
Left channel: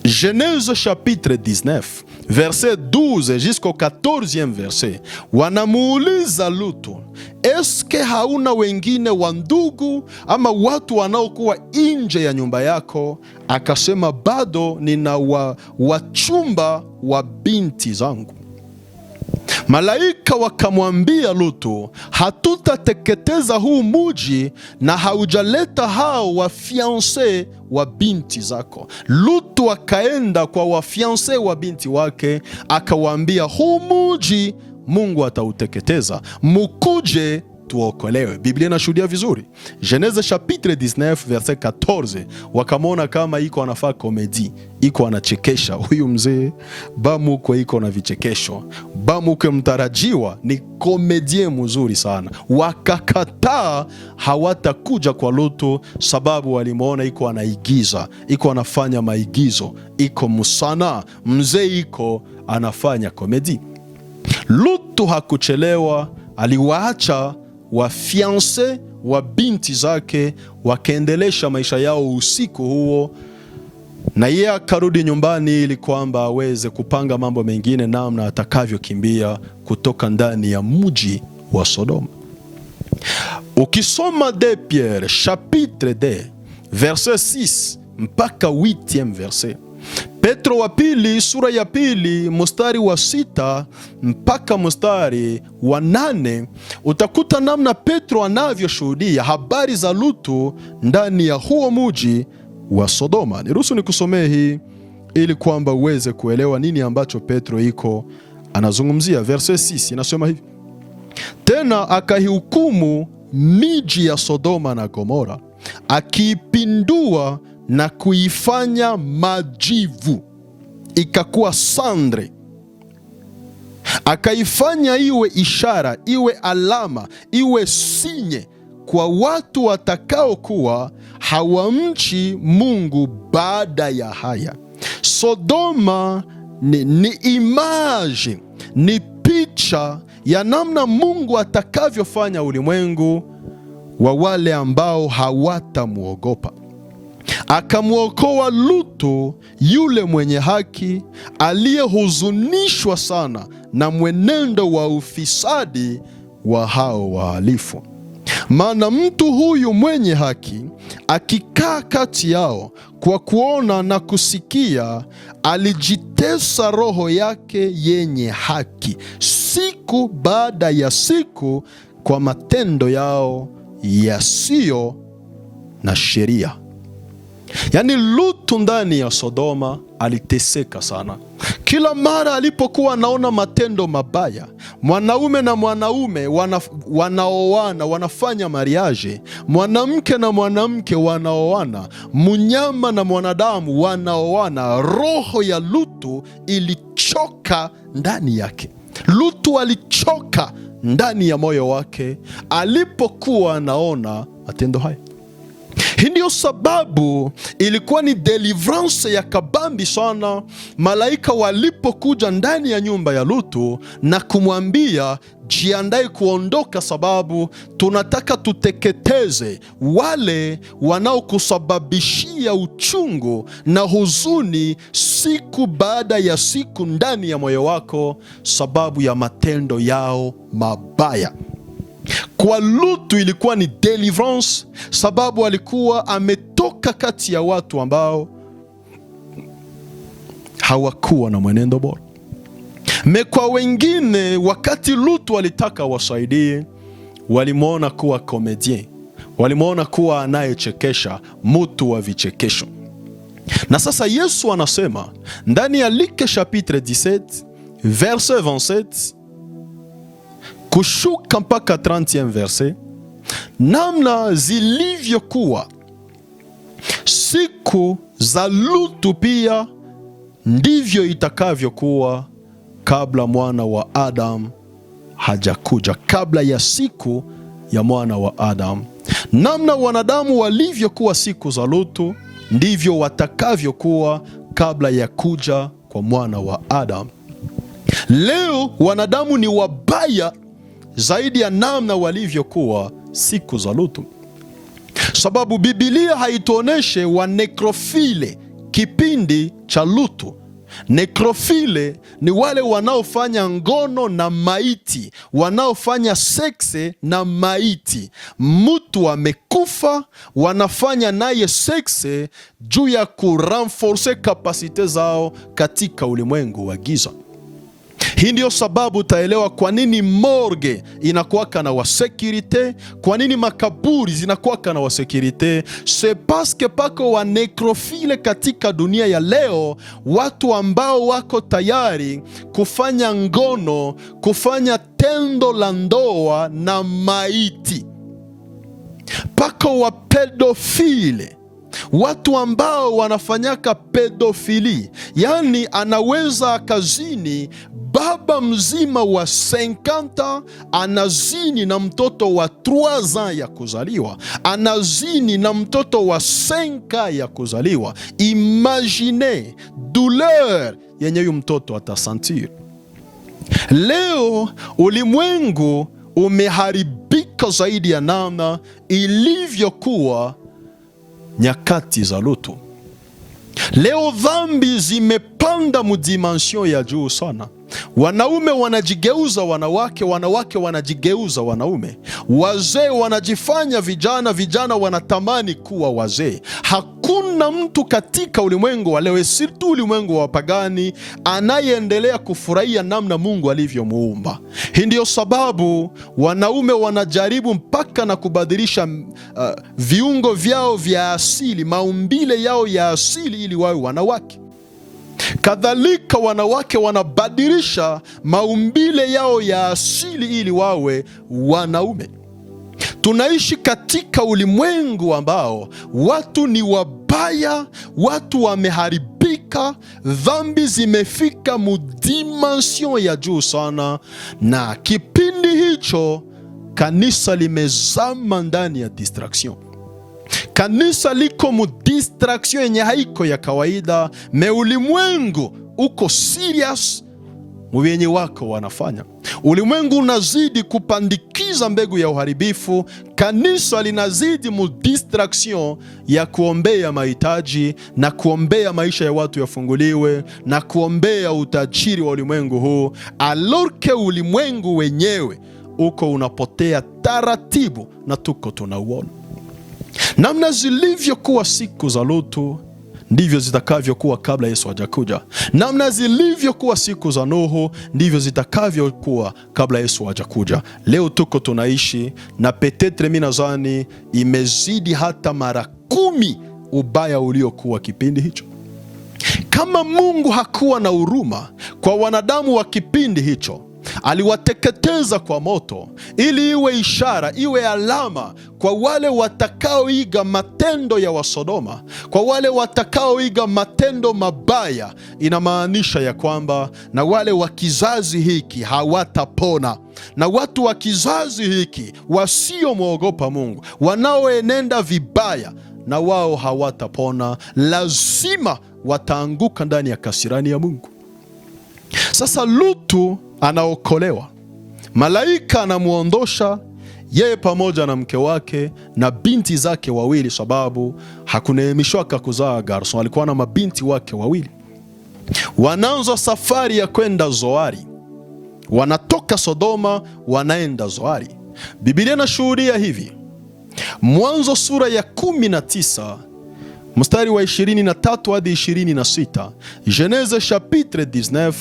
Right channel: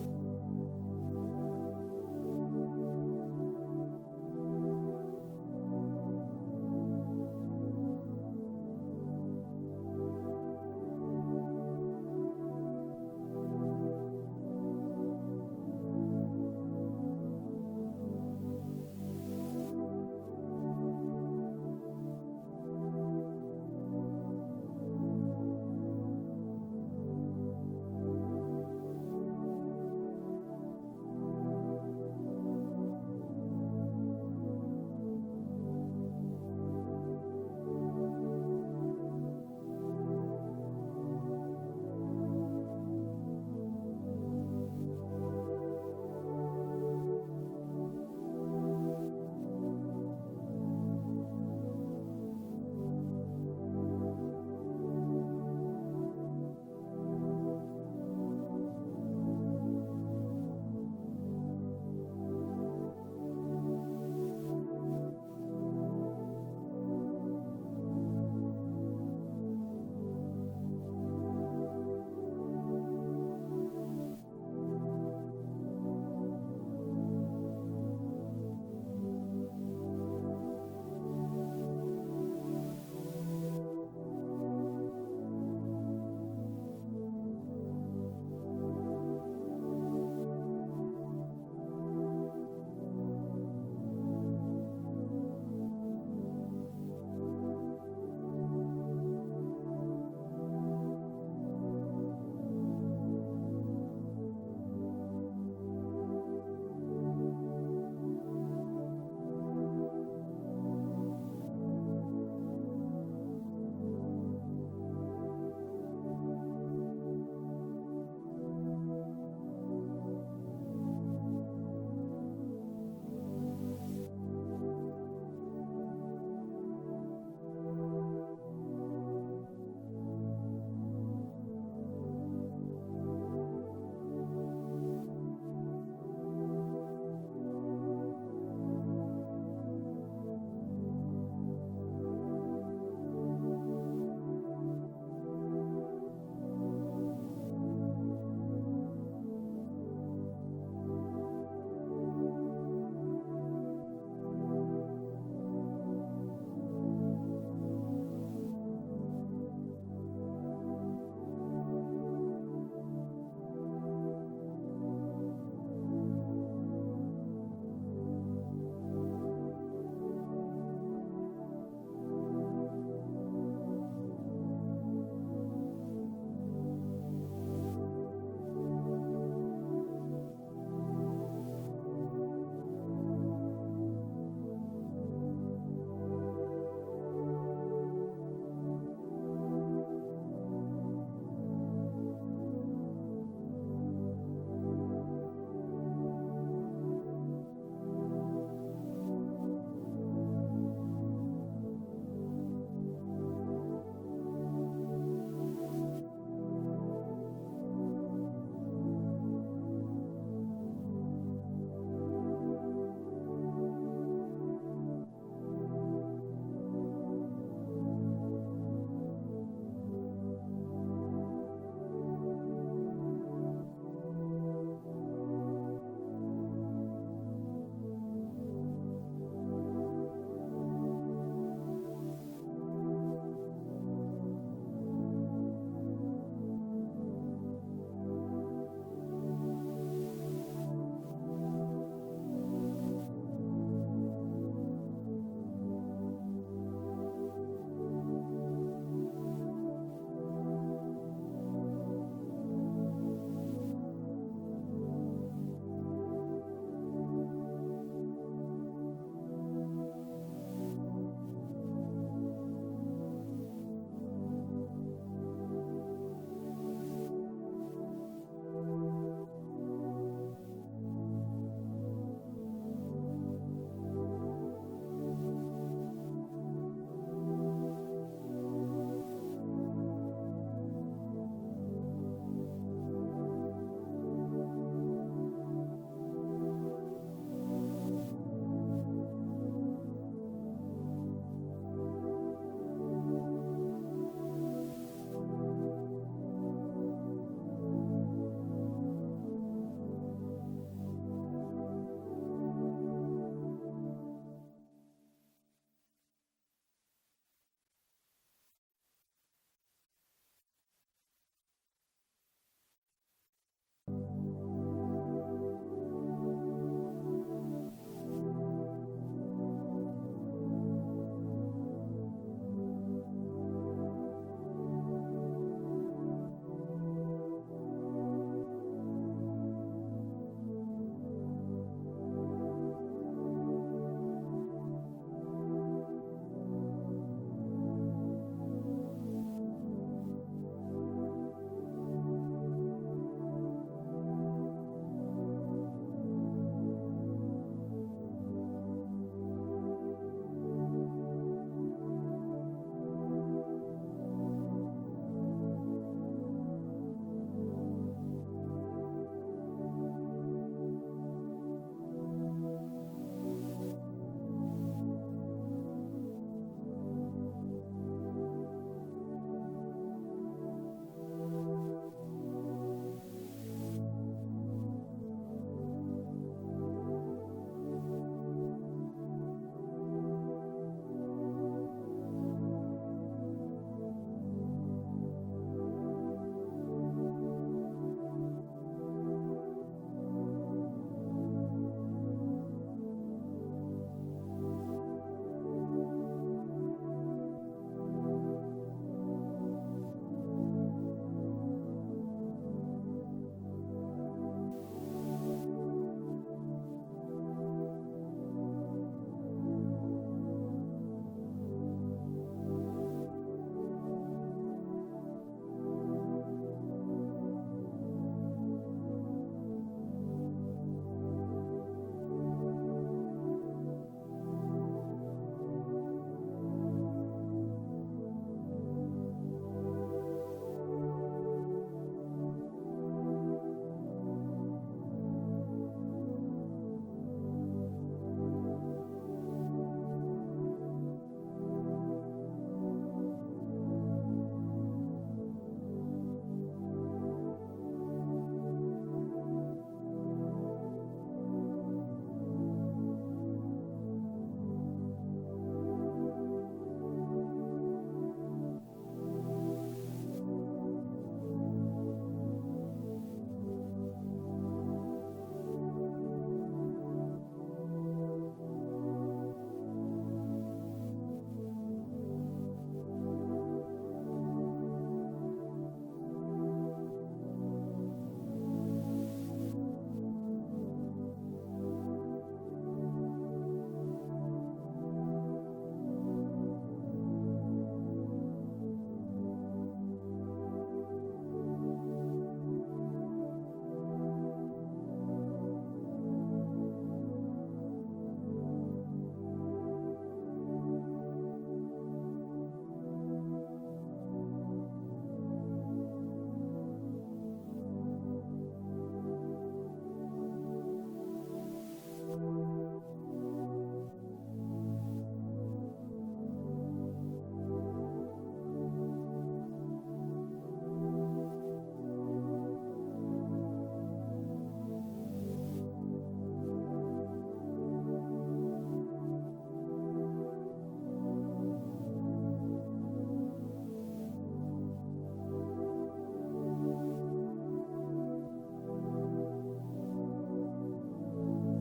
Genèse chapitre 19 verset 12 jusqu'au 14e verset, wanamuuliza Lutu, eske hauna wengine wa ndugu ama watu wanaokuwa nje ya nyumba yako? Akasema, bado nina wachumba wa binti zangu. Malaika wakamwambia Lutu, hatutateketeza huu muji na haujaleta hao wafianse wa binti zako. Lutu akaenda kwa wafianse wa binti wake, akawaambia, huu muji Mungu atauteketeza, mukuje tuokolewe. Biblia inashuhudia vizuri. Genèse chapitre 19 verset 14, wakamona kama iko anafaa komedi, iko anachekesha huyu mzee, bamukwe iko na vichekesho, bamukwe mtarajiwa ni komedie mzuri sana. Wakakataa, hawatakuja kwa Lutu sababu walimuona iko anaigiza, iko anafanya maigizo, iko musana, mzee iko anafanya komedi. Lutu hakuchelewa, aliwaacha wafianse wa binti zake, wakaendelesha maisha yao usiku huo, na yeye akarudi nyumbani ili kwamba aweze kupanga mambo mengine namna atakavyokimbia kutoka ndani ya mji wa Sodoma. Ukisoma 2 Pierre chapitre 2 verset 6 mpaka 8e verset, Petro wa pili sura ya pili mstari wa 6 mpaka mstari wa 8, utakuta namna Petro anavyoshuhudia habari za Lutu ndani ya huo mji wa Sodoma. Niruhusu nikusomee hii ili kwamba uweze kuelewa nini ambacho Petro iko anazungumzia. Verset 6 inasema hivi: tena akahihukumu miji ya Sodoma na Gomora, akiipindua na kuifanya majivu, ikakuwa sandre, akaifanya iwe ishara, iwe alama, iwe sinye kwa watu watakaokuwa hawamchi Mungu baada ya haya. Sodoma ni image, ni picha ya namna Mungu atakavyofanya ulimwengu wa wale ambao hawatamuogopa. Akamwokoa Lutu, yule mwenye haki aliyehuzunishwa sana na mwenendo wa ufisadi wa hao wahalifu. Maana mtu huyu mwenye haki akikaa kati yao, kwa kuona na kusikia, alijitesa roho yake yenye haki siku baada ya siku kwa matendo yao yasiyo na sheria. Yaani Lutu ndani ya Sodoma aliteseka sana. Kila mara alipokuwa anaona matendo mabaya, mwanaume na mwanaume wanaoana, wanafanya mariage, mwanamke na mwanamke wanaoana, mnyama na mwanadamu wanaoana, roho ya Lutu ilichoka ndani yake. Lutu alichoka ndani ya moyo wake alipokuwa anaona matendo haya. Hii ndio sababu ilikuwa ni deliverance ya kabambi sana malaika walipokuja ndani ya nyumba ya Lutu na kumwambia, jiandae kuondoka, sababu tunataka tuteketeze wale wanaokusababishia uchungu na huzuni siku baada ya siku ndani ya moyo wako, sababu ya matendo yao mabaya. Kwa Lutu ilikuwa ni deliverance, sababu alikuwa ametoka kati ya watu ambao hawakuwa na mwenendo bora. Kwa wengine, wakati Lutu alitaka wasaidie, walimwona kuwa komedien, walimwona kuwa anayechekesha, mtu wa vichekesho. Na sasa Yesu anasema ndani ya Luke chapitre 17 verset 27 kushuka mpaka 30e verset, namna zilivyokuwa siku za Lutu pia ndivyo itakavyokuwa kabla mwana wa Adam hajakuja. Kabla ya siku ya mwana wa Adam, namna wanadamu walivyokuwa siku za Lutu ndivyo watakavyokuwa kabla ya kuja kwa mwana wa Adam. Leo wanadamu ni wabaya zaidi ya namna walivyokuwa siku za Lutu, sababu Biblia haituoneshe wa nekrofile kipindi cha Lutu. Nekrofile ni wale wanaofanya ngono na maiti, wanaofanya sekse na maiti. Mtu amekufa, wanafanya naye sekse juu ya kurenforce kapasite zao katika ulimwengu wa giza. Hii ndio sababu utaelewa kwa nini morgue inakuwaka na wasekirite, kwa nini makaburi zinakuwaka na wasekirite. C'est parce que pako wa nekrofile katika dunia ya leo, watu ambao wako tayari kufanya ngono, kufanya tendo la ndoa na maiti. Pako wa pedofile, watu ambao wanafanyaka pedofili, yani anaweza akazini baba mzima wa 50 anazini na mtoto wa 3 ans ya kuzaliwa, anazini na mtoto wa 5 ya kuzaliwa. Imagine douleur yenye huyu mtoto atasentir. Leo ulimwengu umeharibika zaidi ya namna ilivyokuwa nyakati za Lutu. Leo dhambi zimepanda mudimension ya juu sana. Wanaume wanajigeuza wanawake, wanawake wanajigeuza wanaume, wazee wanajifanya vijana, vijana wanatamani kuwa wazee. Hakuna mtu katika ulimwengu wa leo, sirtu ulimwengu wa pagani, anayeendelea kufurahia namna Mungu alivyomuumba. Hii ndio sababu wanaume wanajaribu mpaka na kubadilisha viungo vyao vya asili, maumbile yao ya asili, ili wawe wanawake. Kadhalika wanawake wanabadilisha maumbile yao ya asili ili wawe wanaume. Tunaishi katika ulimwengu ambao watu ni wabaya, watu wameharibika, dhambi zimefika mudimension ya juu sana, na kipindi hicho kanisa limezama ndani ya distraction. Kanisa liko mu distraction yenye haiko ya kawaida, me ulimwengu uko serious mwenye wako wanafanya. Ulimwengu unazidi kupandikiza mbegu ya uharibifu, kanisa linazidi mu distraction ya kuombea mahitaji na kuombea maisha ya watu yafunguliwe na kuombea utajiri wa ulimwengu huu, alorke ulimwengu wenyewe uko unapotea taratibu na tuko tunauona. Namna zilivyokuwa siku za Lutu ndivyo zitakavyokuwa kabla Yesu hajakuja. Namna zilivyokuwa siku za Nuhu ndivyo zitakavyokuwa kabla Yesu hajakuja. Leo tuko tunaishi na petetre mimi nadhani imezidi hata mara 10 ubaya uliokuwa kipindi hicho. Kama Mungu hakuwa na huruma kwa wanadamu wa kipindi hicho, aliwateketeza kwa moto ili iwe ishara, iwe alama kwa wale watakaoiga matendo ya Wasodoma, kwa wale watakaoiga matendo mabaya. Inamaanisha ya kwamba na wale wa kizazi hiki hawatapona, na watu wa kizazi hiki wasiomwogopa Mungu, wanaoenenda vibaya, na wao hawatapona, lazima wataanguka ndani ya kasirani ya Mungu. Sasa Lutu anaokolewa, malaika anamuondosha yeye pamoja na mke wake na binti zake wawili, sababu hakuneemishwaka kuzaa garson, alikuwa na mabinti wake wawili. Wanaanza safari ya kwenda Zoari, wanatoka Sodoma wanaenda Zoari. Biblia inashuhudia hivi, Mwanzo sura ya 19 mstari wa 23 hadi 26, Genèse chapitre 19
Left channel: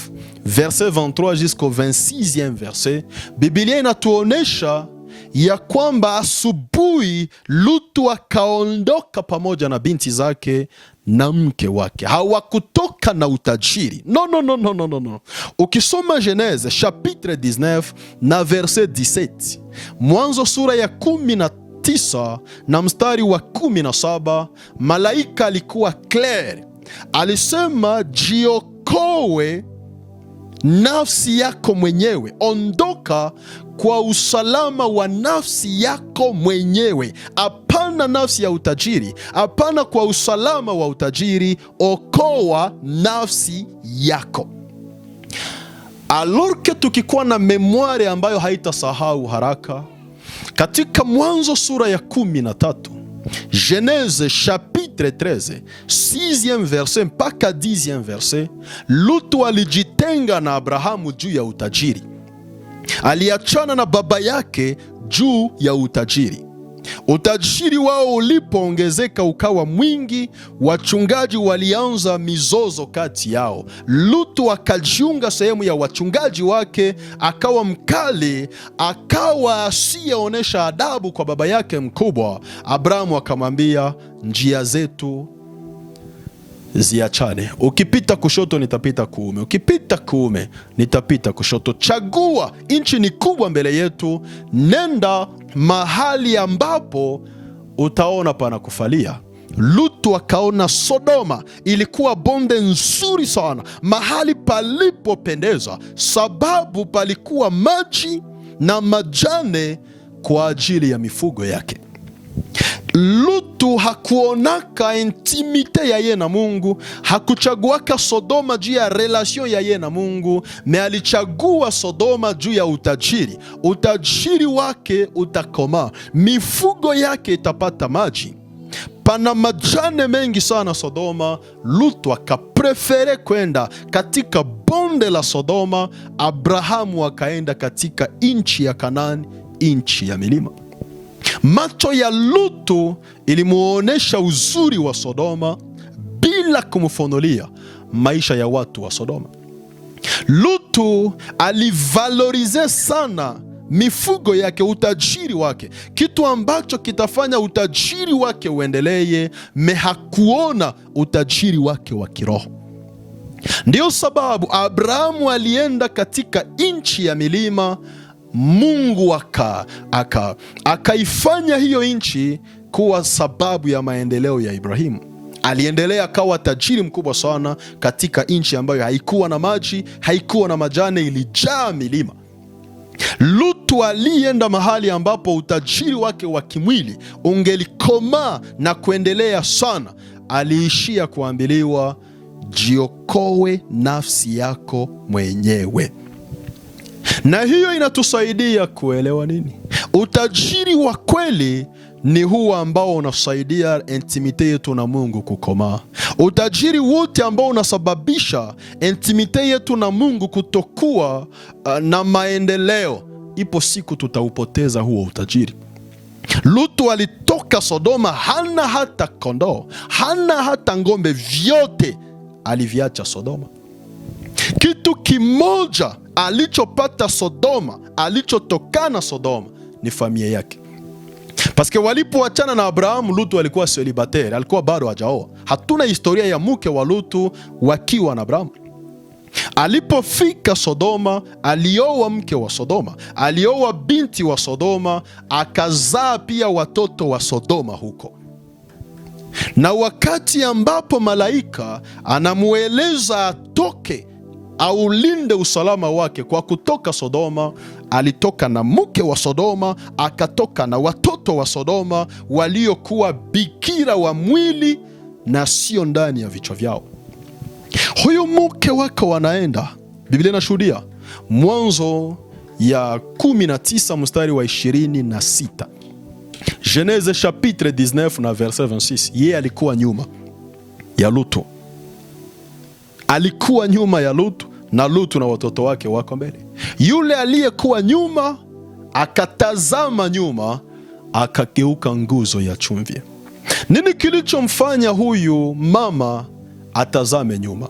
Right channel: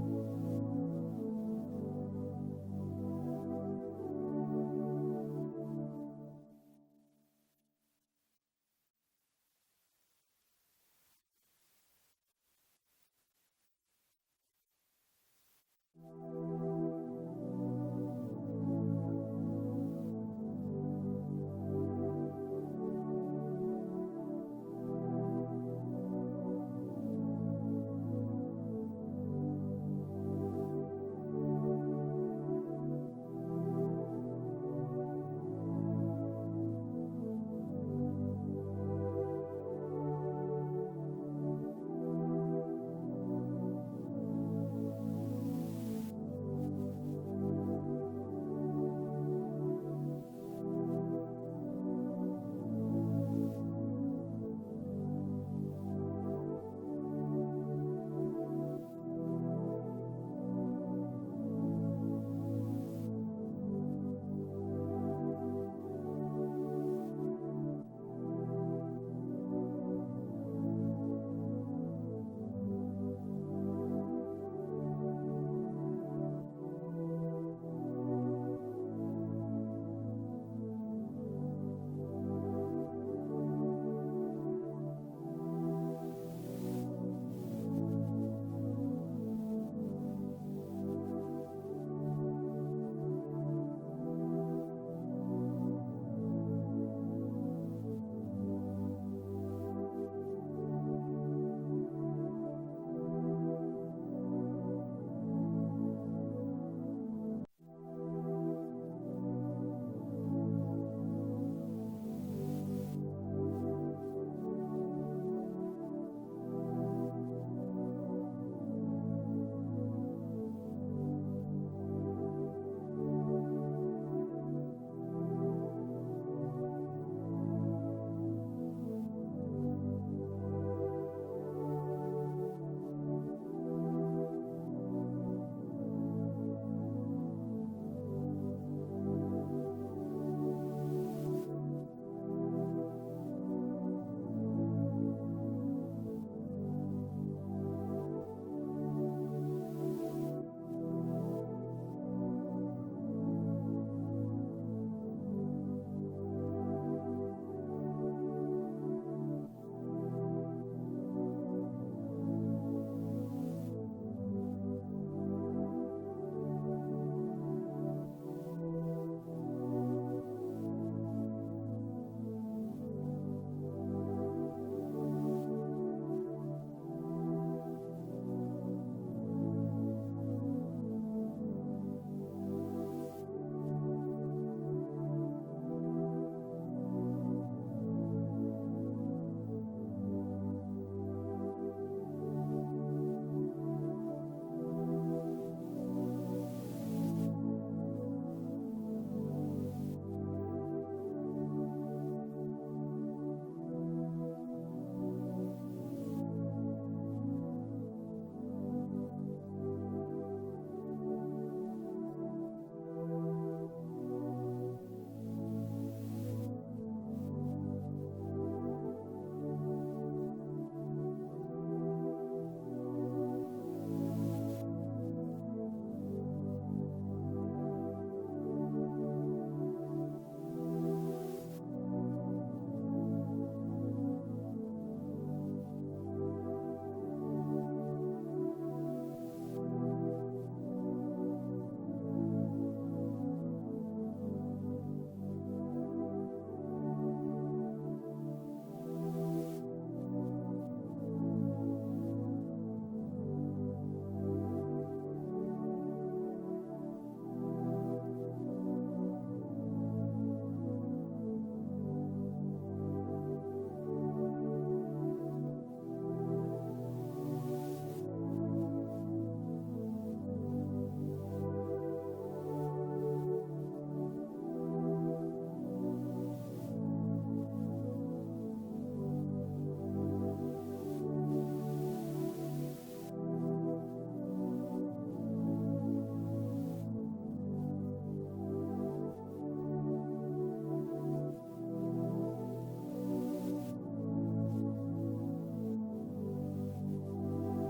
verset 23 jusqu'au 26e verset. Biblia inatuonesha ya kwamba asubuhi Lutu akaondoka pamoja na binti zake na mke wake. Hawakutoka na utajiri. No. Ukisoma Genèse chapitre 19 na verset 17, Mwanzo sura ya 19 na mstari wa 17, malaika alikuwa clear, alisema jiokoe nafsi yako mwenyewe, ondoka kwa usalama wa nafsi yako mwenyewe. Hapana nafsi ya utajiri, hapana kwa usalama wa utajiri, okoa nafsi yako. Alorke tukikuwa na memoire ambayo haitasahau haraka, katika Mwanzo sura ya 13, Genèse chapitre 13 6e verset mpaka 10e verset, Lutu alijitenga na Abrahamu juu ya utajiri. Aliachana na baba yake juu ya utajiri. Utajiri wao ulipoongezeka ukawa mwingi, wachungaji walianza mizozo kati yao. Lutu akajiunga sehemu ya wachungaji wake, akawa mkali, akawa asiyeonesha adabu kwa baba yake mkubwa. Abrahamu akamwambia, njia zetu ziachane. Ukipita kushoto nitapita kuume, ukipita kuume nitapita kushoto. Chagua, nchi ni kubwa mbele yetu, nenda mahali ambapo utaona pana kufalia. Lutu akaona Sodoma ilikuwa bonde nzuri sana, mahali palipopendeza, sababu palikuwa maji na majane kwa ajili ya mifugo yake. Lutu hakuonaka intimite ya ye na Mungu, hakuchaguaka Sodoma juu ya relation ya ye na Mungu, me alichagua Sodoma juu ya utajiri. Utajiri wake utakoma, mifugo yake itapata maji, pana majane mengi sana Sodoma. Lutu akaprefere kwenda katika bonde la Sodoma, Abrahamu akaenda katika nchi ya Kanaani, nchi ya milima. Macho ya Lutu ilimuonesha uzuri wa Sodoma bila kumfunulia maisha ya watu wa Sodoma. Lutu alivalorize sana mifugo yake, utajiri wake, kitu ambacho kitafanya utajiri wake uendelee. Hakuona utajiri wake wa kiroho. Ndiyo sababu Abrahamu alienda katika nchi ya milima. Mungu akaifanya hiyo nchi kuwa sababu ya maendeleo ya Ibrahimu. Aliendelea akawa tajiri mkubwa sana katika nchi ambayo haikuwa na maji, haikuwa na majani, ilijaa milima. Lutu alienda mahali ambapo utajiri wake wa kimwili ungelikomaa na kuendelea sana. Aliishia kuambiliwa, jiokoe nafsi yako mwenyewe. Na hiyo inatusaidia kuelewa nini? Utajiri wa kweli ni huo ambao unasaidia intimite yetu na Mungu kukomaa. Utajiri wote ambao unasababisha intimite yetu na Mungu kutokuwa na maendeleo, ipo siku tutaupoteza huo utajiri. Lutu alitoka Sodoma, hana hata kondoo, hana hata ngombe, vyote aliviacha Sodoma. Kitu kimoja alichopata Sodoma, alichotokana Sodoma, ni familia yake. Paske walipoachana na Abrahamu, Lutu alikuwa celibatere, alikuwa bado hajaoa. Hatuna historia ya mke wa Lutu wakiwa na Abrahamu. Alipofika Sodoma, alioa mke wa Sodoma, alioa binti wa Sodoma, akazaa pia watoto wa Sodoma huko. Na wakati ambapo malaika anamueleza atoke aulinde usalama wake kwa kutoka Sodoma, alitoka na mke wa Sodoma, akatoka na watoto wa Sodoma waliokuwa bikira wa mwili na sio ndani ya vichwa vyao. Huyo mke wake wanaenda, Biblia inashuhudia Mwanzo ya 19 mstari wa 26, Genese chapitre 19 na verset 26. Yeye alikuwa nyuma ya Lutu, alikuwa nyuma ya Lutu, na Lutu na watoto wake wako mbele. Yule aliyekuwa nyuma akatazama nyuma, akageuka nguzo ya chumvi. Nini kilichomfanya huyu mama atazame nyuma?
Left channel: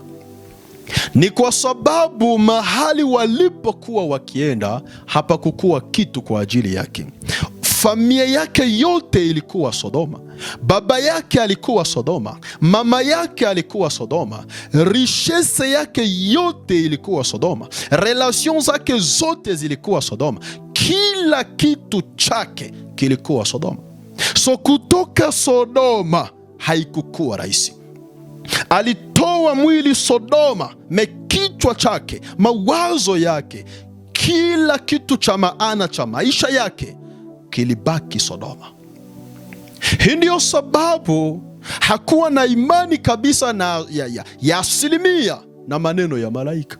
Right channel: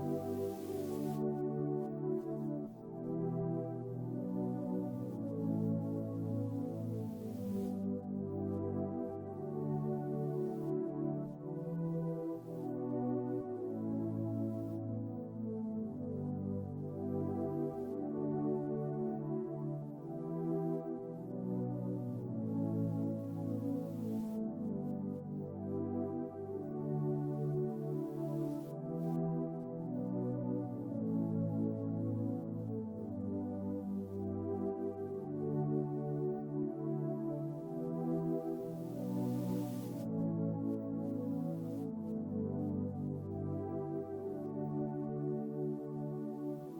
Ni kwa sababu mahali walipokuwa wakienda hapakukuwa kitu kwa ajili yake. Familia yake yote ilikuwa Sodoma. Baba yake alikuwa Sodoma, mama yake alikuwa Sodoma, richesse yake yote ilikuwa Sodoma, relation zake zote zilikuwa Sodoma, kila kitu chake kilikuwa Sodoma. So kutoka Sodoma haikukuwa rahisi. Alitoa mwili Sodoma, kichwa chake, mawazo yake, kila kitu cha maana cha maisha yake kilibaki Sodoma. Hii ndio sababu hakuwa na imani kabisa na ya asilimia na maneno ya malaika.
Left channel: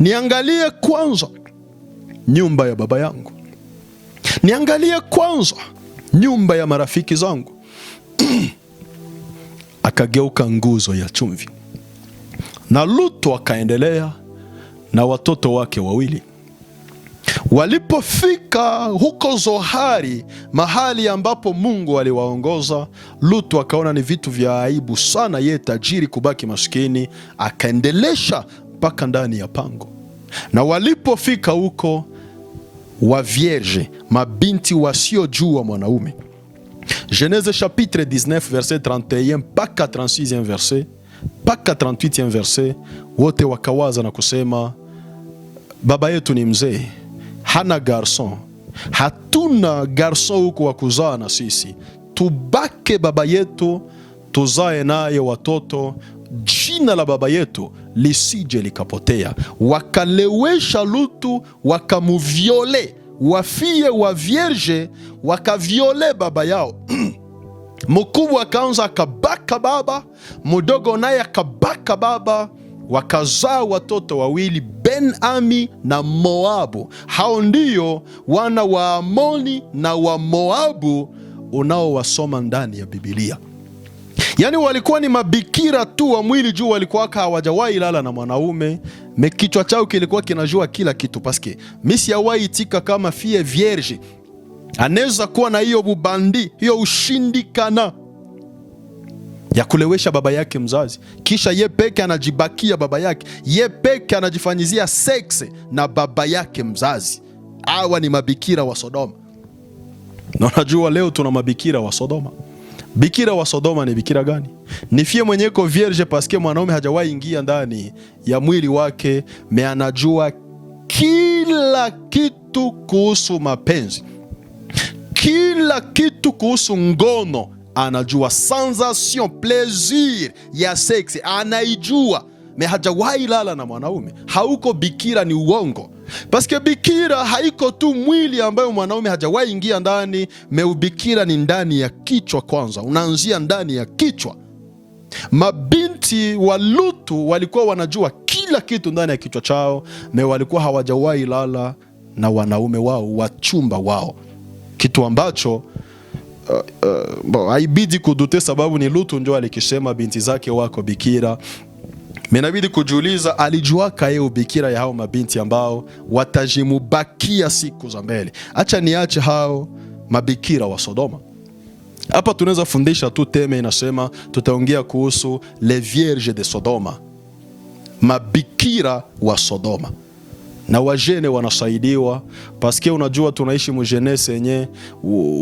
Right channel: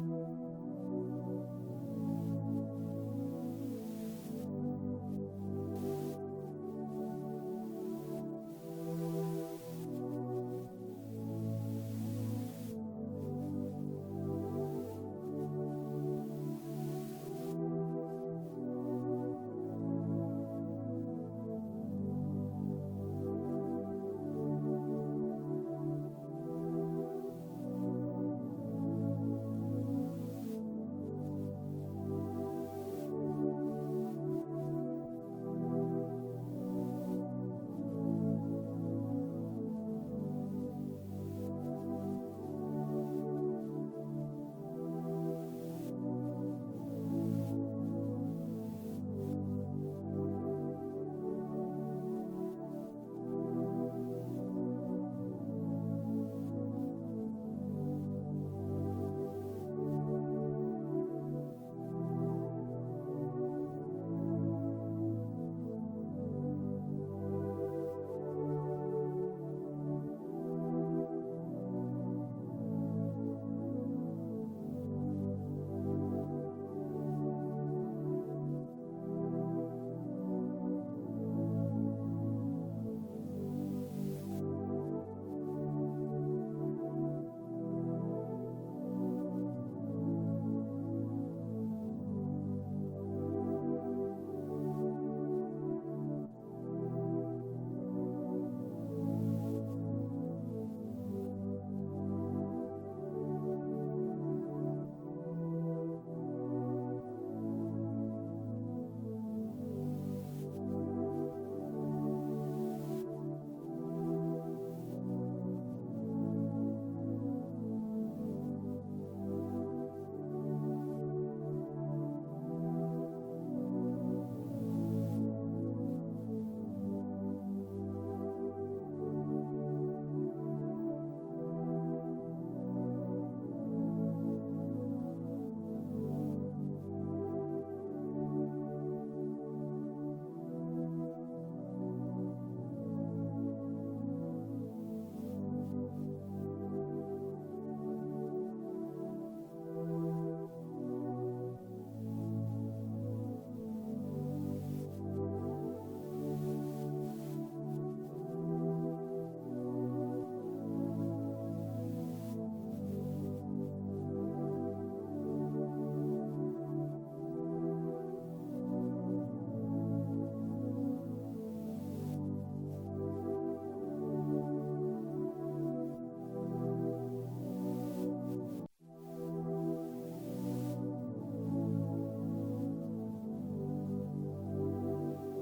Niangalie kwanza nyumba ya baba yangu, niangalie kwanza nyumba ya marafiki zangu. Akageuka nguzo ya chumvi. Na Lutu akaendelea na watoto wake wawili. Walipofika huko Zohari, mahali ambapo Mungu aliwaongoza, Lutu akaona ni vitu vya aibu sana yeye tajiri kubaki maskini, akaendelesha mpaka ndani ya pango. Na walipofika huko, wa vierge, mabinti wasiojua mwanaume, Genese chapitre 19 verset 31 mpaka 36e verset mpaka 38e verset, wote wakawaza na kusema, baba yetu ni mzee, hana garson, hatuna garson huko wa kuzaa na sisi, tubake baba yetu tuzae naye watoto, jina la baba yetu lisije likapotea. Wakalewesha Lutu, wakamuviole, wafie wa vierge wakaviole baba yao. Mkubwa akaanza akabaka baba, mdogo naye akabaka baba, wakazaa watoto wawili, Ben-Ami na Moabu. Hao ndio wana wa Amoni na wa Moabu unaowasoma ndani ya Biblia. Yani walikuwa ni mabikira tu wa mwili juu, walikuwa hawajawahi lala na mwanaume. Kichwa chao kilikuwa kinajua kila kitu, paske misi yawahi itika kama fie vierge anaweza kuwa na hiyo bubandi, hiyo ushindikana ya kulewesha baba yake mzazi, kisha ye peke anajibakia baba yake, ye peke anajifanyizia sexe na baba yake mzazi. Hawa ni mabikira wa Sodoma. Na unajua leo tuna mabikira wa Sodoma. Bikira wa Sodoma ni bikira gani? Ni fie mwenyeko vierge paske mwanaume hajawahi ingia ndani ya mwili wake, me anajua kila kitu kuhusu mapenzi, kila kitu kuhusu ngono anajua, sensation, plaisir ya seksi anaijua, me hajawahi lala na mwanaume. Hauko bikira, ni uongo. Paske bikira haiko tu mwili ambayo mwanaume hajawahi ingia ndani, me ubikira ni ndani ya kichwa kwanza, unaanzia ndani ya kichwa. Mabinti wa Lutu walikuwa wanajua kila kitu ndani ya kichwa chao, me walikuwa hawajawahi lala na wanaume wao, wachumba wao, kitu ambacho haibidi kudute, sababu ni Lutu ndio alikisema binti zake wako bikira. Menabidi kujiuliza, alijua kaye ubikira ya hao mabinti ambao watajimubakia siku za mbele. Acha niache hao mabikira wa Sodoma. Hapa tunaweza fundisha tu teme inasema, tutaongea kuhusu les vierges de Sodoma, mabikira wa Sodoma. Na wajene wanasaidiwa, paske unajua tunaishi mujenese yenye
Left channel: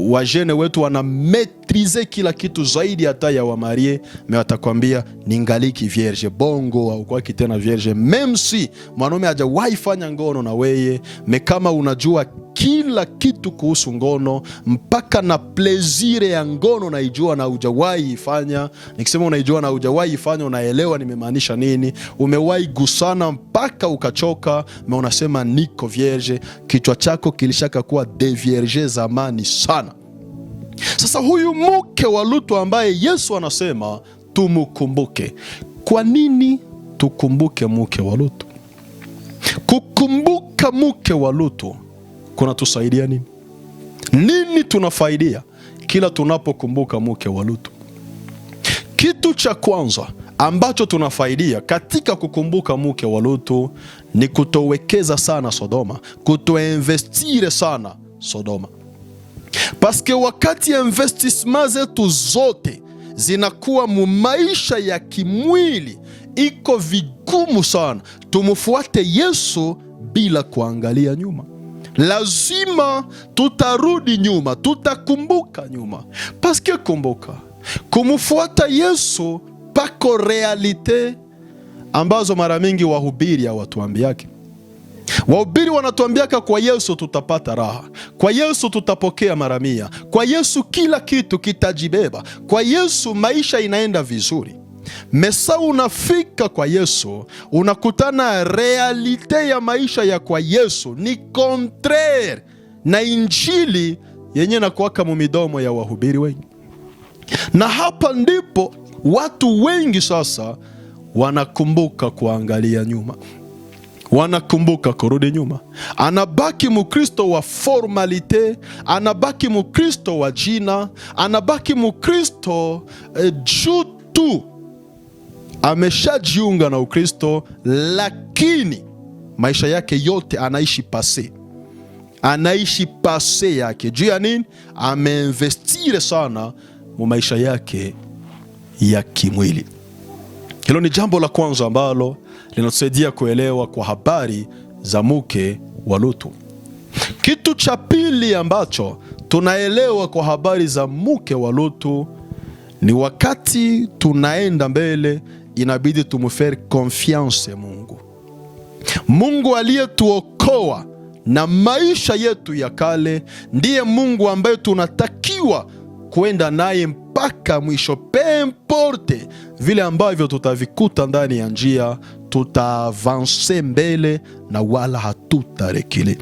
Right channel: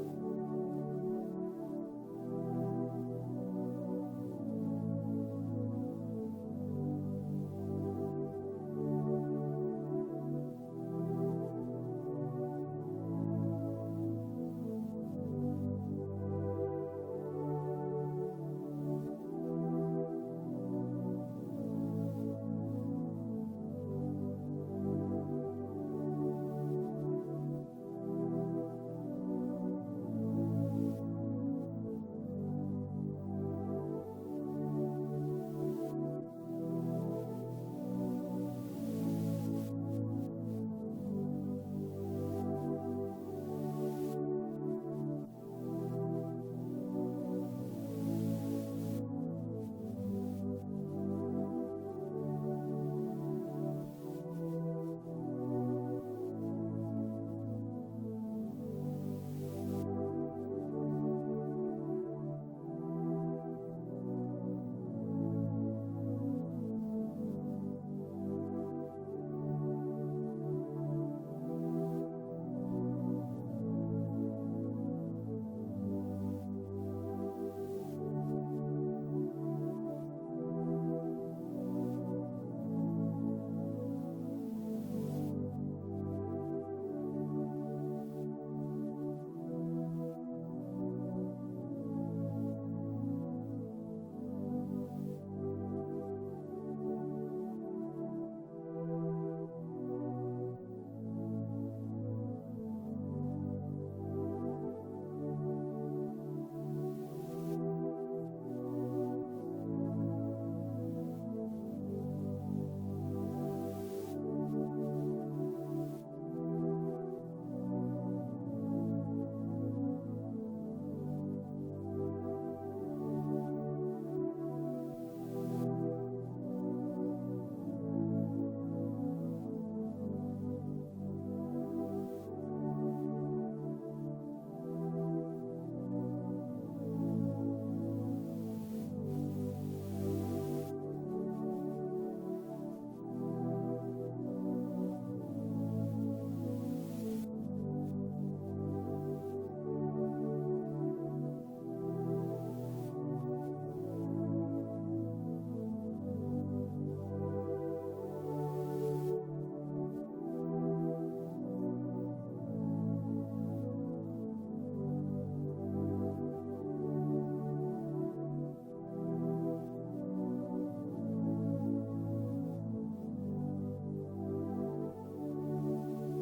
wajene wetu wana metrize kila kitu zaidi hata ya wamarie. Me watakwambia ningaliki vierge, bongo au kwa kitena vierge, meme si mwanaume hajawahi fanya ngono na weye. Me kama unajua kila kitu kuhusu ngono, mpaka na plezire ya ngono naijua na hujawahi ifanya. Nikisema unaijua na hujawahi ifanya, unaelewa nimemaanisha nini. Umewahi gusana mpaka ukachoka, me unasema niko vierge, kichwa chako kilishaka kuwa de vierge zamani sana. Sasa huyu mke wa Lutu ambaye Yesu anasema tumukumbuke. Kwa nini tukumbuke mke wa Lutu? Kukumbuka mke wa Lutu kuna tusaidia nini? Nini tunafaidia kila tunapokumbuka mke wa Lutu? Kitu cha kwanza ambacho tunafaidia katika kukumbuka mke wa Lutu ni kutowekeza sana Sodoma, kutoinvestire sana Sodoma. Paske wakati investissement zetu zote zinakuwa mu maisha ya kimwili, iko vigumu sana tumufuate Yesu bila kuangalia nyuma. Lazima tutarudi nyuma, tutakumbuka nyuma. Paske kumbuka, kumufuata Yesu pako realite ambazo mara mingi wahubiri hawatuambiake. Wahubiri wanatuambiaka kwa Yesu tutapata raha, kwa Yesu tutapokea mara 100, kwa Yesu kila kitu kitajibeba, kwa Yesu maisha inaenda vizuri. Mesa unafika kwa Yesu, unakutana realite ya maisha ya kwa Yesu ni contraire na injili yenye na kuwaka mumidomo ya wahubiri wengi. Na hapa ndipo watu wengi sasa wanakumbuka kuangalia nyuma, wanakumbuka kurudi nyuma. Anabaki mukristo wa formalite, anabaki mukristo wa jina, anabaki mukristo juu tu ameshajiunga na Ukristo, lakini maisha yake yote anaishi pase, anaishi pase yake. Juu ya nini? Ameinvestire sana mu maisha yake ya kimwili. Hilo ni jambo la kwanza ambalo linatusaidia kuelewa kwa habari za mke wa Lutu. Kitu cha pili ambacho tunaelewa kwa habari za mke wa Lutu ni wakati tunaenda mbele, inabidi tumufere confiance Mungu. Mungu aliyetuokoa na maisha yetu ya kale ndiye Mungu ambaye tunatakiwa kuenda naye mpaka mwisho. Peu importe vile ambavyo tutavikuta ndani ya njia, tutaavanse mbele na wala hatutarekile.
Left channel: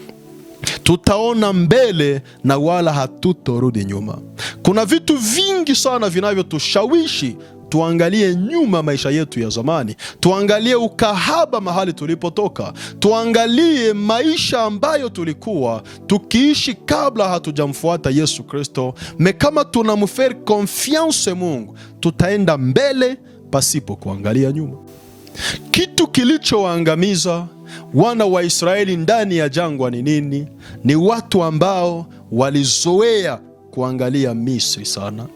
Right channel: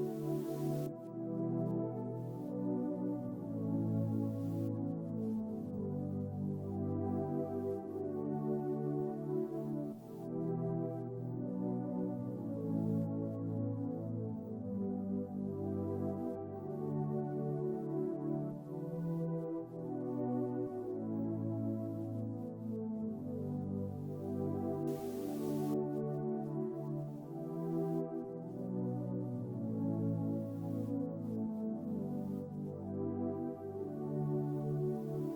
Tutaona mbele na wala hatutorudi nyuma. Kuna vitu vingi sana vinavyotushawishi tuangalie nyuma maisha yetu ya zamani, tuangalie ukahaba mahali tulipotoka, tuangalie maisha ambayo tulikuwa tukiishi kabla hatujamfuata Yesu Kristo. Kama tunamfere confiance Mungu, tutaenda mbele pasipo kuangalia nyuma. Kitu kilichowaangamiza wana wa Israeli ndani ya jangwa ni nini? Ni watu ambao walizoea kuangalia Misri sana.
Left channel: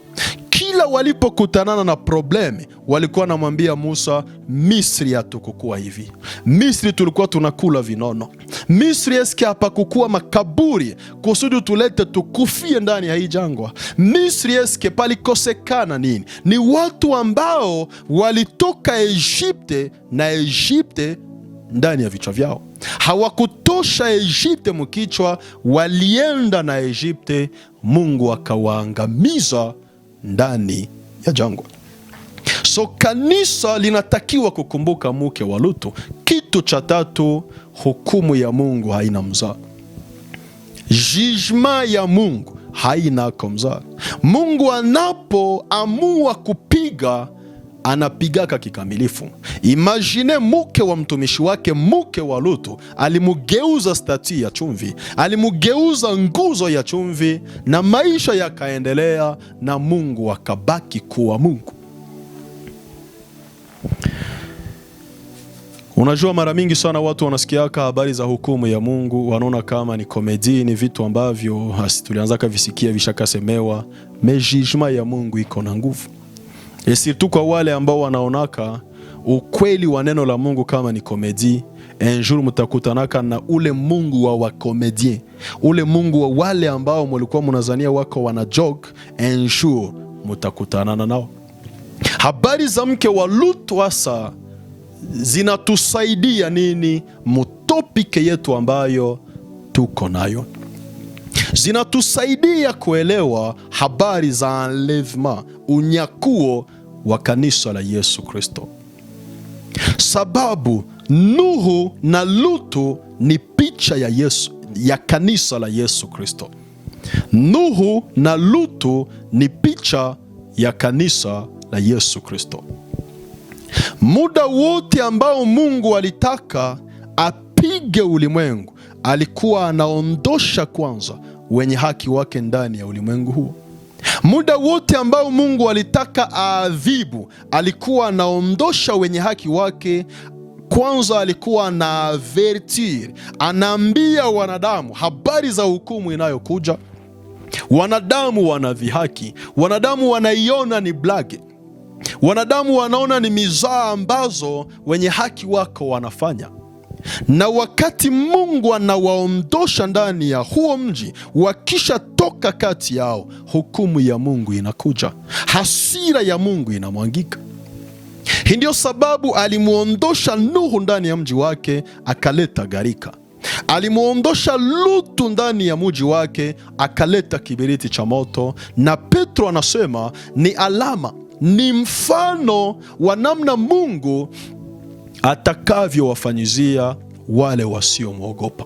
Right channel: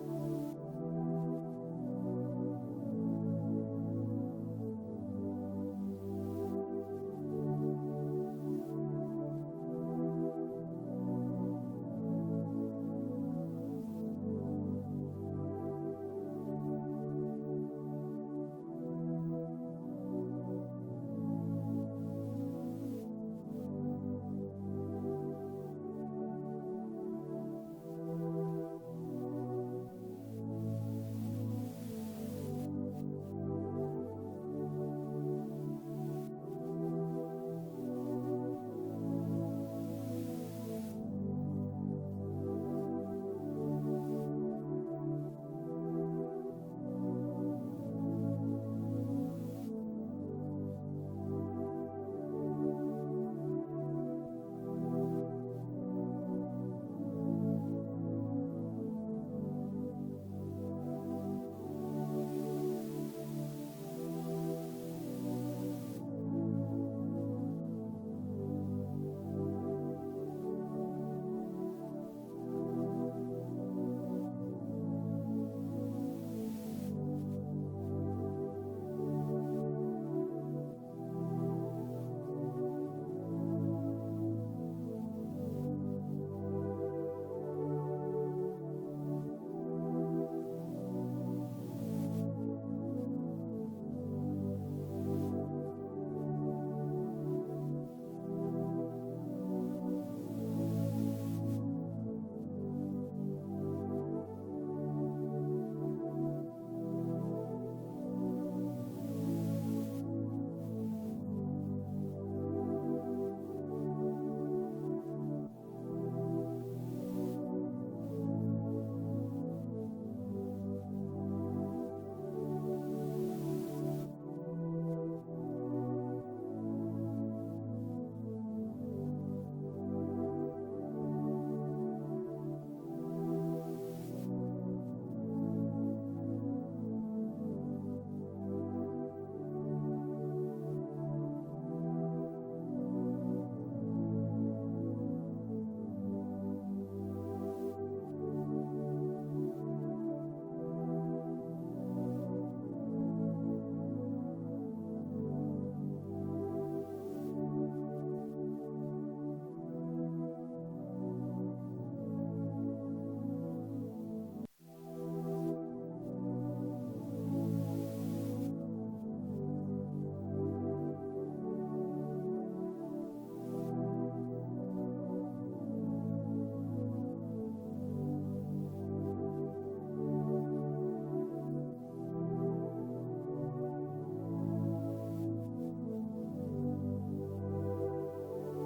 Kila walipokutanana na probleme, walikuwa wanamwambia Musa, Misri hatukukuwa hivi. Misri tulikuwa tunakula vinono. Misri eske hapakukuwa makaburi kusudi tulete tukufie ndani ya hii jangwa? Misri eske palikosekana nini? Ni watu ambao walitoka Egypte na Egypte ndani ya vichwa vyao. Hawakutosha Egypte mkichwa, walienda na Egypte, Mungu akawaangamiza ndani ya jangwa. So kanisa linatakiwa kukumbuka mke wa Lutu. Kitu cha tatu, hukumu ya Mungu haina mzaa. Judgment ya Mungu haina mzaa. Mungu anapoamua kupiga, anapigaka kikamilifu. Imagine mke wa mtumishi wake, mke wa Lutu, alimugeuza stati ya chumvi, alimugeuza nguzo ya chumvi, na maisha yakaendelea, na Mungu akabaki kuwa Mungu. Unajua, mara mingi sana watu wanasikiaka habari za hukumu ya Mungu, wanaona kama ni komedi, ni vitu ambavyo tulianza kavisikia vishakasemewa. Judgment ya Mungu iko na nguvu. Surtout kwa wale ambao wanaonaka ukweli wa neno la Mungu kama ni komedi, un jour mtakutanaka na ule Mungu wa wakomedien, ule Mungu wa wale ambao mulikuwa munazania wako wana joke, un jour mtakutanana nao. Habari za mke wa Lutu hasa zinatusaidia nini mutopike yetu ambayo tuko nayo? Zinatusaidia kuelewa habari za enlèvement, unyakuo wa kanisa la Yesu Kristo. Sababu Nuhu na Lutu ni picha ya Yesu, ya kanisa la Yesu Kristo. Nuhu na Lutu ni picha ya kanisa la Yesu Kristo. Muda wote ambao Mungu alitaka apige ulimwengu, alikuwa anaondosha kwanza wenye haki wake ndani ya ulimwengu huu. Muda wote ambao Mungu alitaka aadhibu, alikuwa anaondosha wenye haki wake kwanza. Alikuwa na avertir, anaambia wanadamu habari za hukumu inayokuja. Wanadamu wanadhihaki, wanadamu wanaiona ni blage, wanadamu wanaona ni mizaa ambazo wenye haki wako wanafanya. Na wakati Mungu anawaondosha ndani ya huo mji, wakisha toka kati yao, hukumu ya Mungu inakuja, hasira ya Mungu inamwangika. Hii ndio sababu alimuondosha Nuhu ndani ya mji wake, akaleta gharika. Alimuondosha Lutu ndani ya mji wake, akaleta kiberiti cha moto. Na Petro anasema ni alama, ni mfano wa namna Mungu atakavyowafanyizia wale wasiomwogopa.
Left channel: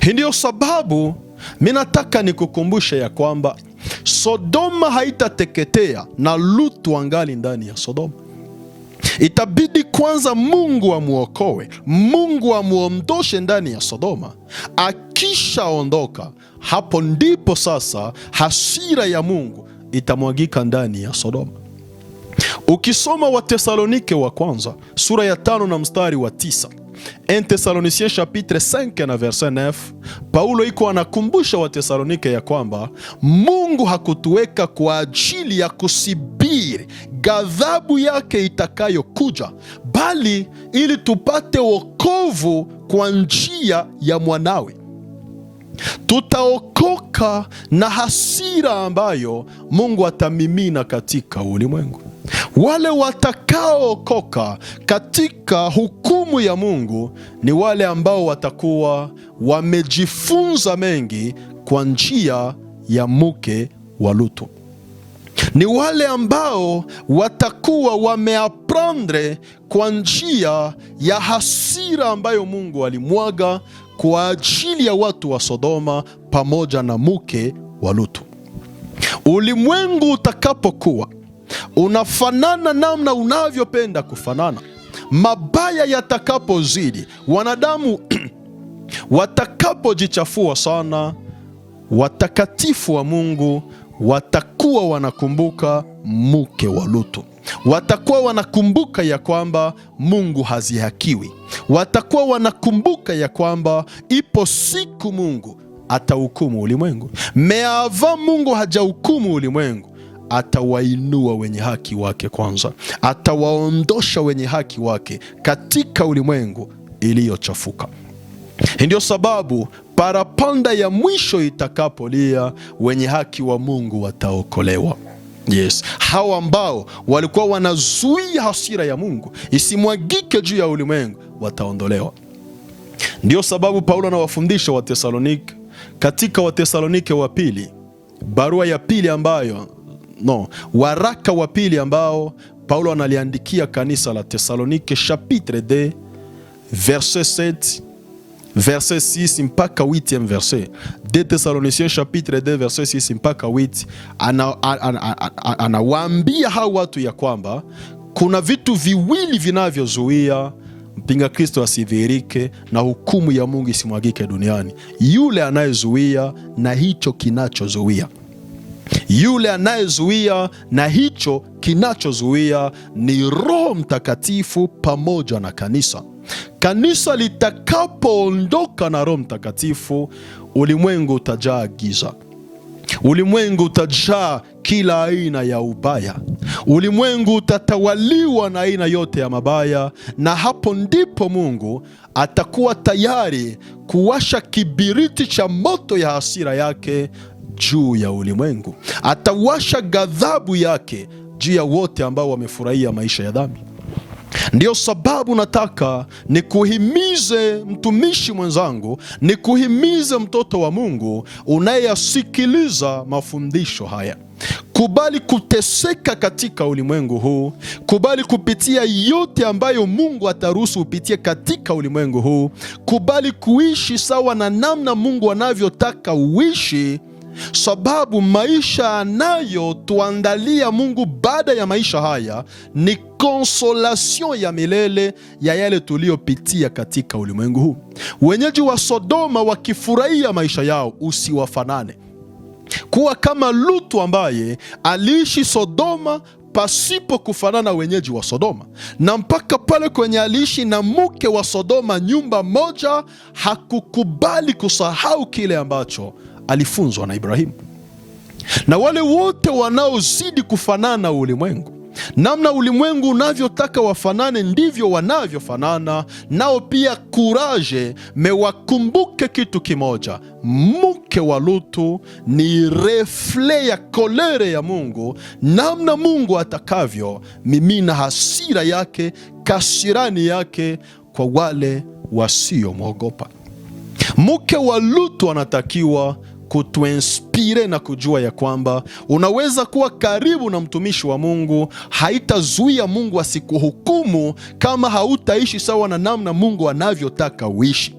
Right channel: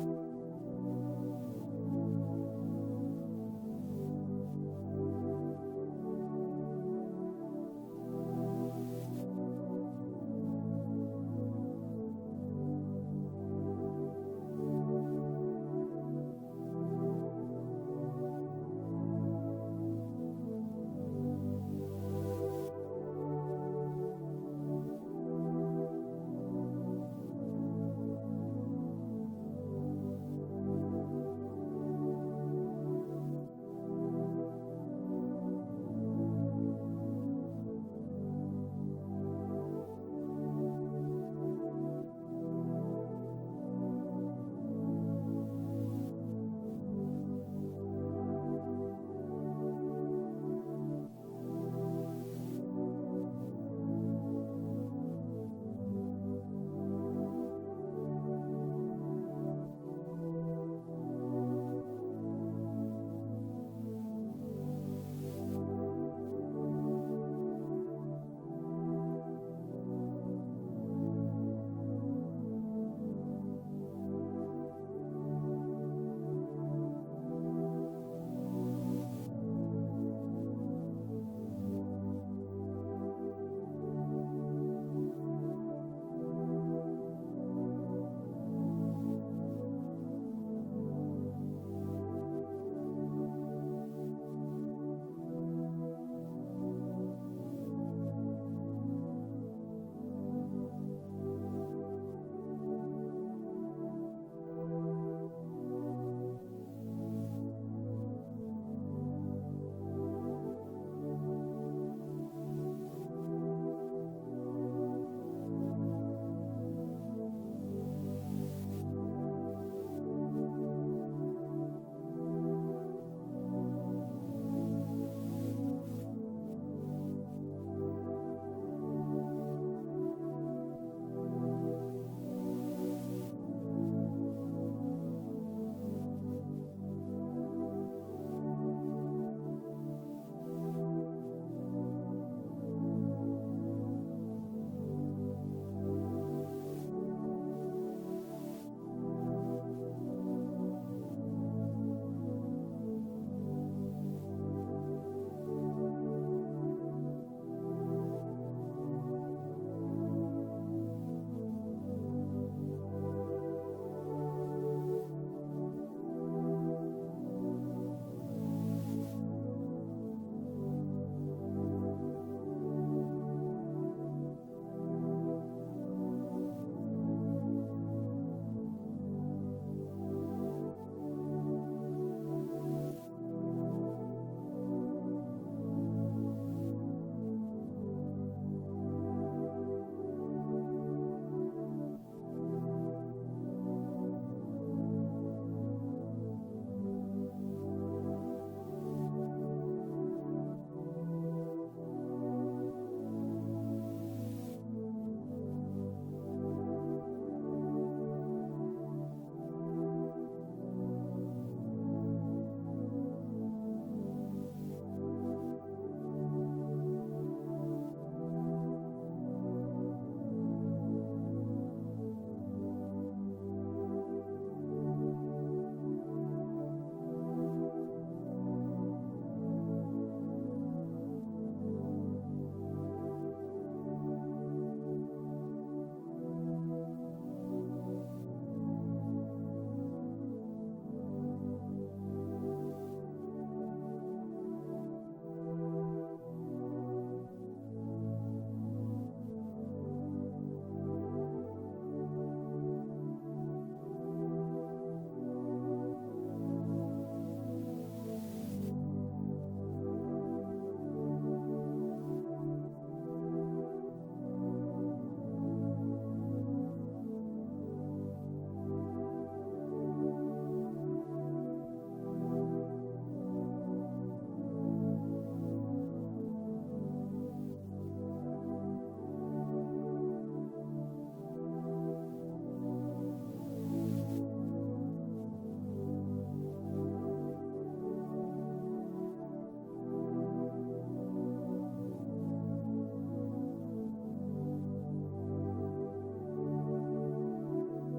Hii ndio sababu mimi nataka nikukumbushe ya kwamba Sodoma haitateketea na Lutu angali ndani ya Sodoma. Itabidi kwanza Mungu amuokoe, Mungu amuondoshe ndani ya Sodoma. Akishaondoka, hapo ndipo sasa hasira ya Mungu itamwagika ndani ya Sodoma. Ukisoma Wathesalonike wa kwanza sura ya 5 na mstari wa 9, 1 Thessaloniciens chapitre 5 na verset 9, Paulo iko anakumbusha Wathesalonike ya kwamba Mungu hakutuweka kwa ajili ya kusibiri ghadhabu yake itakayokuja, bali ili tupate wokovu kwa njia ya mwanawe. Tutaokoka na hasira ambayo Mungu atamimina katika ulimwengu. Wale watakaookoka katika hukumu ya Mungu ni wale ambao watakuwa wamejifunza mengi kwa njia ya mke wa Lutu. Ni wale ambao watakuwa wameaprendre kwa njia ya hasira ambayo Mungu alimwaga kwa ajili ya watu wa Sodoma pamoja na mke wa Lutu. Ulimwengu utakapokuwa unafanana namna unavyopenda kufanana. Mabaya yatakapozidi, wanadamu watakapojichafua sana, watakatifu wa Mungu watakuwa wanakumbuka mke wa Lutu. Watakuwa wanakumbuka ya kwamba Mungu hazihakiwi. Watakuwa wanakumbuka ya kwamba ipo siku Mungu atahukumu ulimwengu. Meava Mungu hajahukumu ulimwengu, atawainua wenye haki wake kwanza. Atawaondosha wenye haki wake katika ulimwengu iliyochafuka. Ndio sababu parapanda ya mwisho itakapolia, wenye haki wa Mungu wataokolewa. Yes, hawa ambao walikuwa wanazuia hasira ya Mungu isimwagike juu ya ulimwengu wataondolewa. Ndio sababu Paulo anawafundisha Wathesalonike katika Wathesalonike wa pili, barua ya pili waraka wa pili ambao Paulo analiandikia kanisa la Thesalonike, chapitre 2 verset 7 verset 6 mpaka 8e verset. 2 Thessaloniciens chapitre 2 verset 6 mpaka 8, anawaambia hao watu ya kwamba kuna vitu viwili vinavyozuia mpinga Kristo asidhihirike na hukumu ya Mungu isimwagike duniani: yule anayezuia na hicho kinachozuia. Yule anayezuia na hicho kinachozuia ni Roho Mtakatifu pamoja na kanisa. Kanisa litakapoondoka na Roho Mtakatifu, ulimwengu utajaa giza. Ulimwengu utajaa kila aina ya ubaya. Ulimwengu utatawaliwa na aina yote ya mabaya, na hapo ndipo Mungu atakuwa tayari kuwasha kibiriti cha moto ya hasira yake juu ya ulimwengu. Atawasha ghadhabu yake juu ya wote ambao wamefurahia maisha ya dhambi. Ndio sababu nataka nikuhimize mtumishi mwenzangu, nikuhimize mtoto wa Mungu unayeyasikiliza mafundisho haya. Kubali kuteseka katika ulimwengu huu. Kubali kupitia yote ambayo Mungu ataruhusu upitie katika ulimwengu huu. Kubali kuishi sawa na namna Mungu anavyotaka uishi, sababu maisha anayotuandalia Mungu baada ya maisha haya ni konsolation ya milele ya yale tuliyopitia katika ulimwengu huu. Wenyeji wa Sodoma wakifurahia maisha yao, usiwafanane. Kuwa kama Lutu ambaye aliishi Sodoma pasipo kufanana wenyeji wa Sodoma, na mpaka pale kwenye aliishi na mke wa Sodoma nyumba moja, hakukubali kusahau kile ambacho alifunzwa na Ibrahimu. Na wale wote wanaozidi kufanana ulimwengu, namna ulimwengu unavyotaka wafanane ndivyo wanavyofanana nao pia. Kuraje, mewakumbuke kitu kimoja: mke wa Lutu ni refle ya kolere ya Mungu, namna Mungu atakavyo mimina hasira yake, kasirani yake kwa wale wasiomwogopa. Mke wa Lutu anatakiwa kutuinspire na kujua ya kwamba unaweza kuwa karibu na mtumishi wa Mungu. Haitazuia Mungu asikuhukumu kama hautaishi sawa na namna Mungu anavyotaka uishi.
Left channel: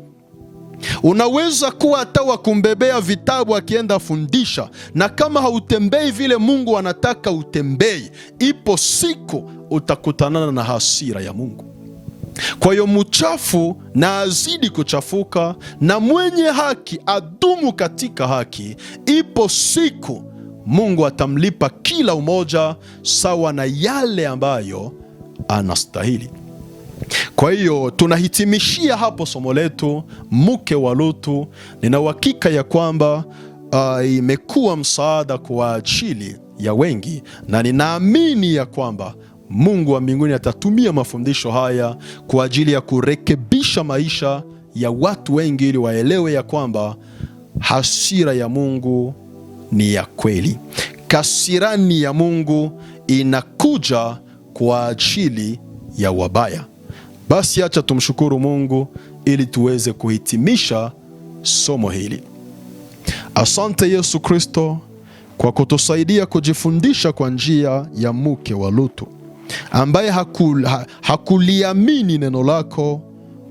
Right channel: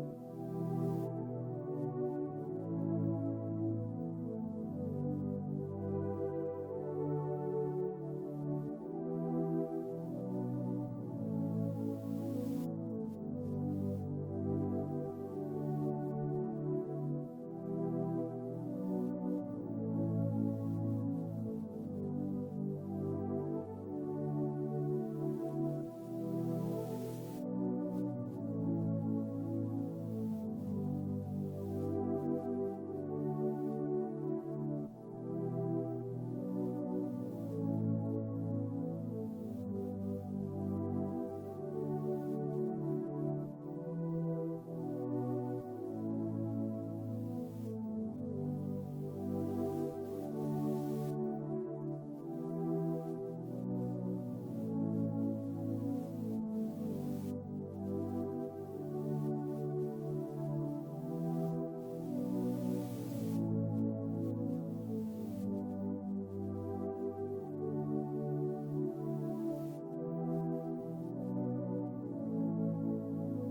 Unaweza kuwa hata wa kumbebea vitabu akienda fundisha, na kama hautembei vile Mungu anataka utembei, ipo siku utakutanana na hasira ya Mungu. Kwa hiyo mchafu na azidi kuchafuka, na mwenye haki adumu katika haki. Ipo siku Mungu atamlipa kila umoja sawa na yale ambayo anastahili. Kwa hiyo tunahitimishia hapo somo letu, mke wa Lutu. Nina uhakika ya kwamba imekuwa msaada kwa ajili ya wengi, na ninaamini ya kwamba Mungu wa mbinguni atatumia mafundisho haya kwa ajili ya kurekebisha maisha ya watu wengi, ili waelewe ya kwamba hasira ya Mungu ni ya kweli. Kasirani ya Mungu inakuja kwa ajili ya wabaya. Basi acha tumshukuru Mungu ili tuweze kuhitimisha somo hili. Asante Yesu Kristo kwa kutusaidia kujifundisha kwa njia ya mke wa Lutu, ambaye hakuliamini neno lako,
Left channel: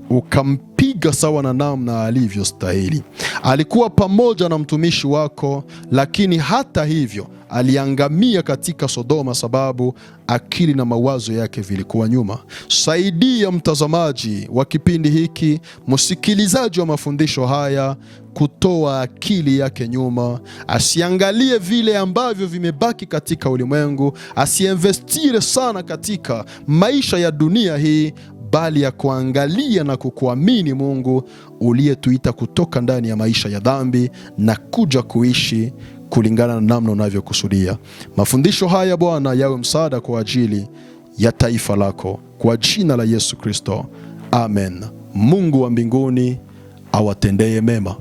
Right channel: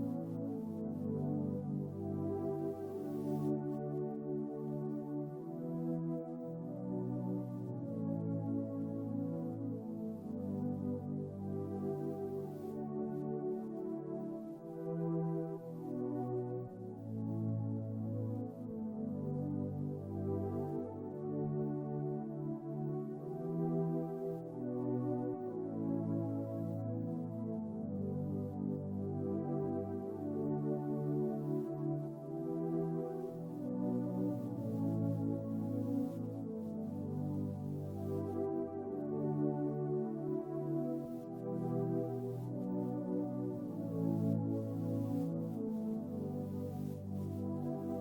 ukampiga sawa na namna alivyostahili. Alikuwa pamoja na mtumishi wako, lakini hata hivyo aliangamia katika Sodoma, sababu akili na mawazo yake vilikuwa nyuma. Saidia mtazamaji wa kipindi hiki, msikilizaji wa mafundisho haya, kutoa akili yake nyuma, asiangalie vile ambavyo vimebaki katika ulimwengu, asiinvestire sana katika maisha ya dunia hii, bali ya kuangalia na kukuamini Mungu uliyetuita kutoka ndani ya maisha ya dhambi na kuja kuishi kulingana na namna unavyokusudia. Mafundisho haya Bwana yawe msaada kwa ajili ya taifa lako, kwa jina la Yesu Kristo, amen. Mungu wa mbinguni awatendee mema.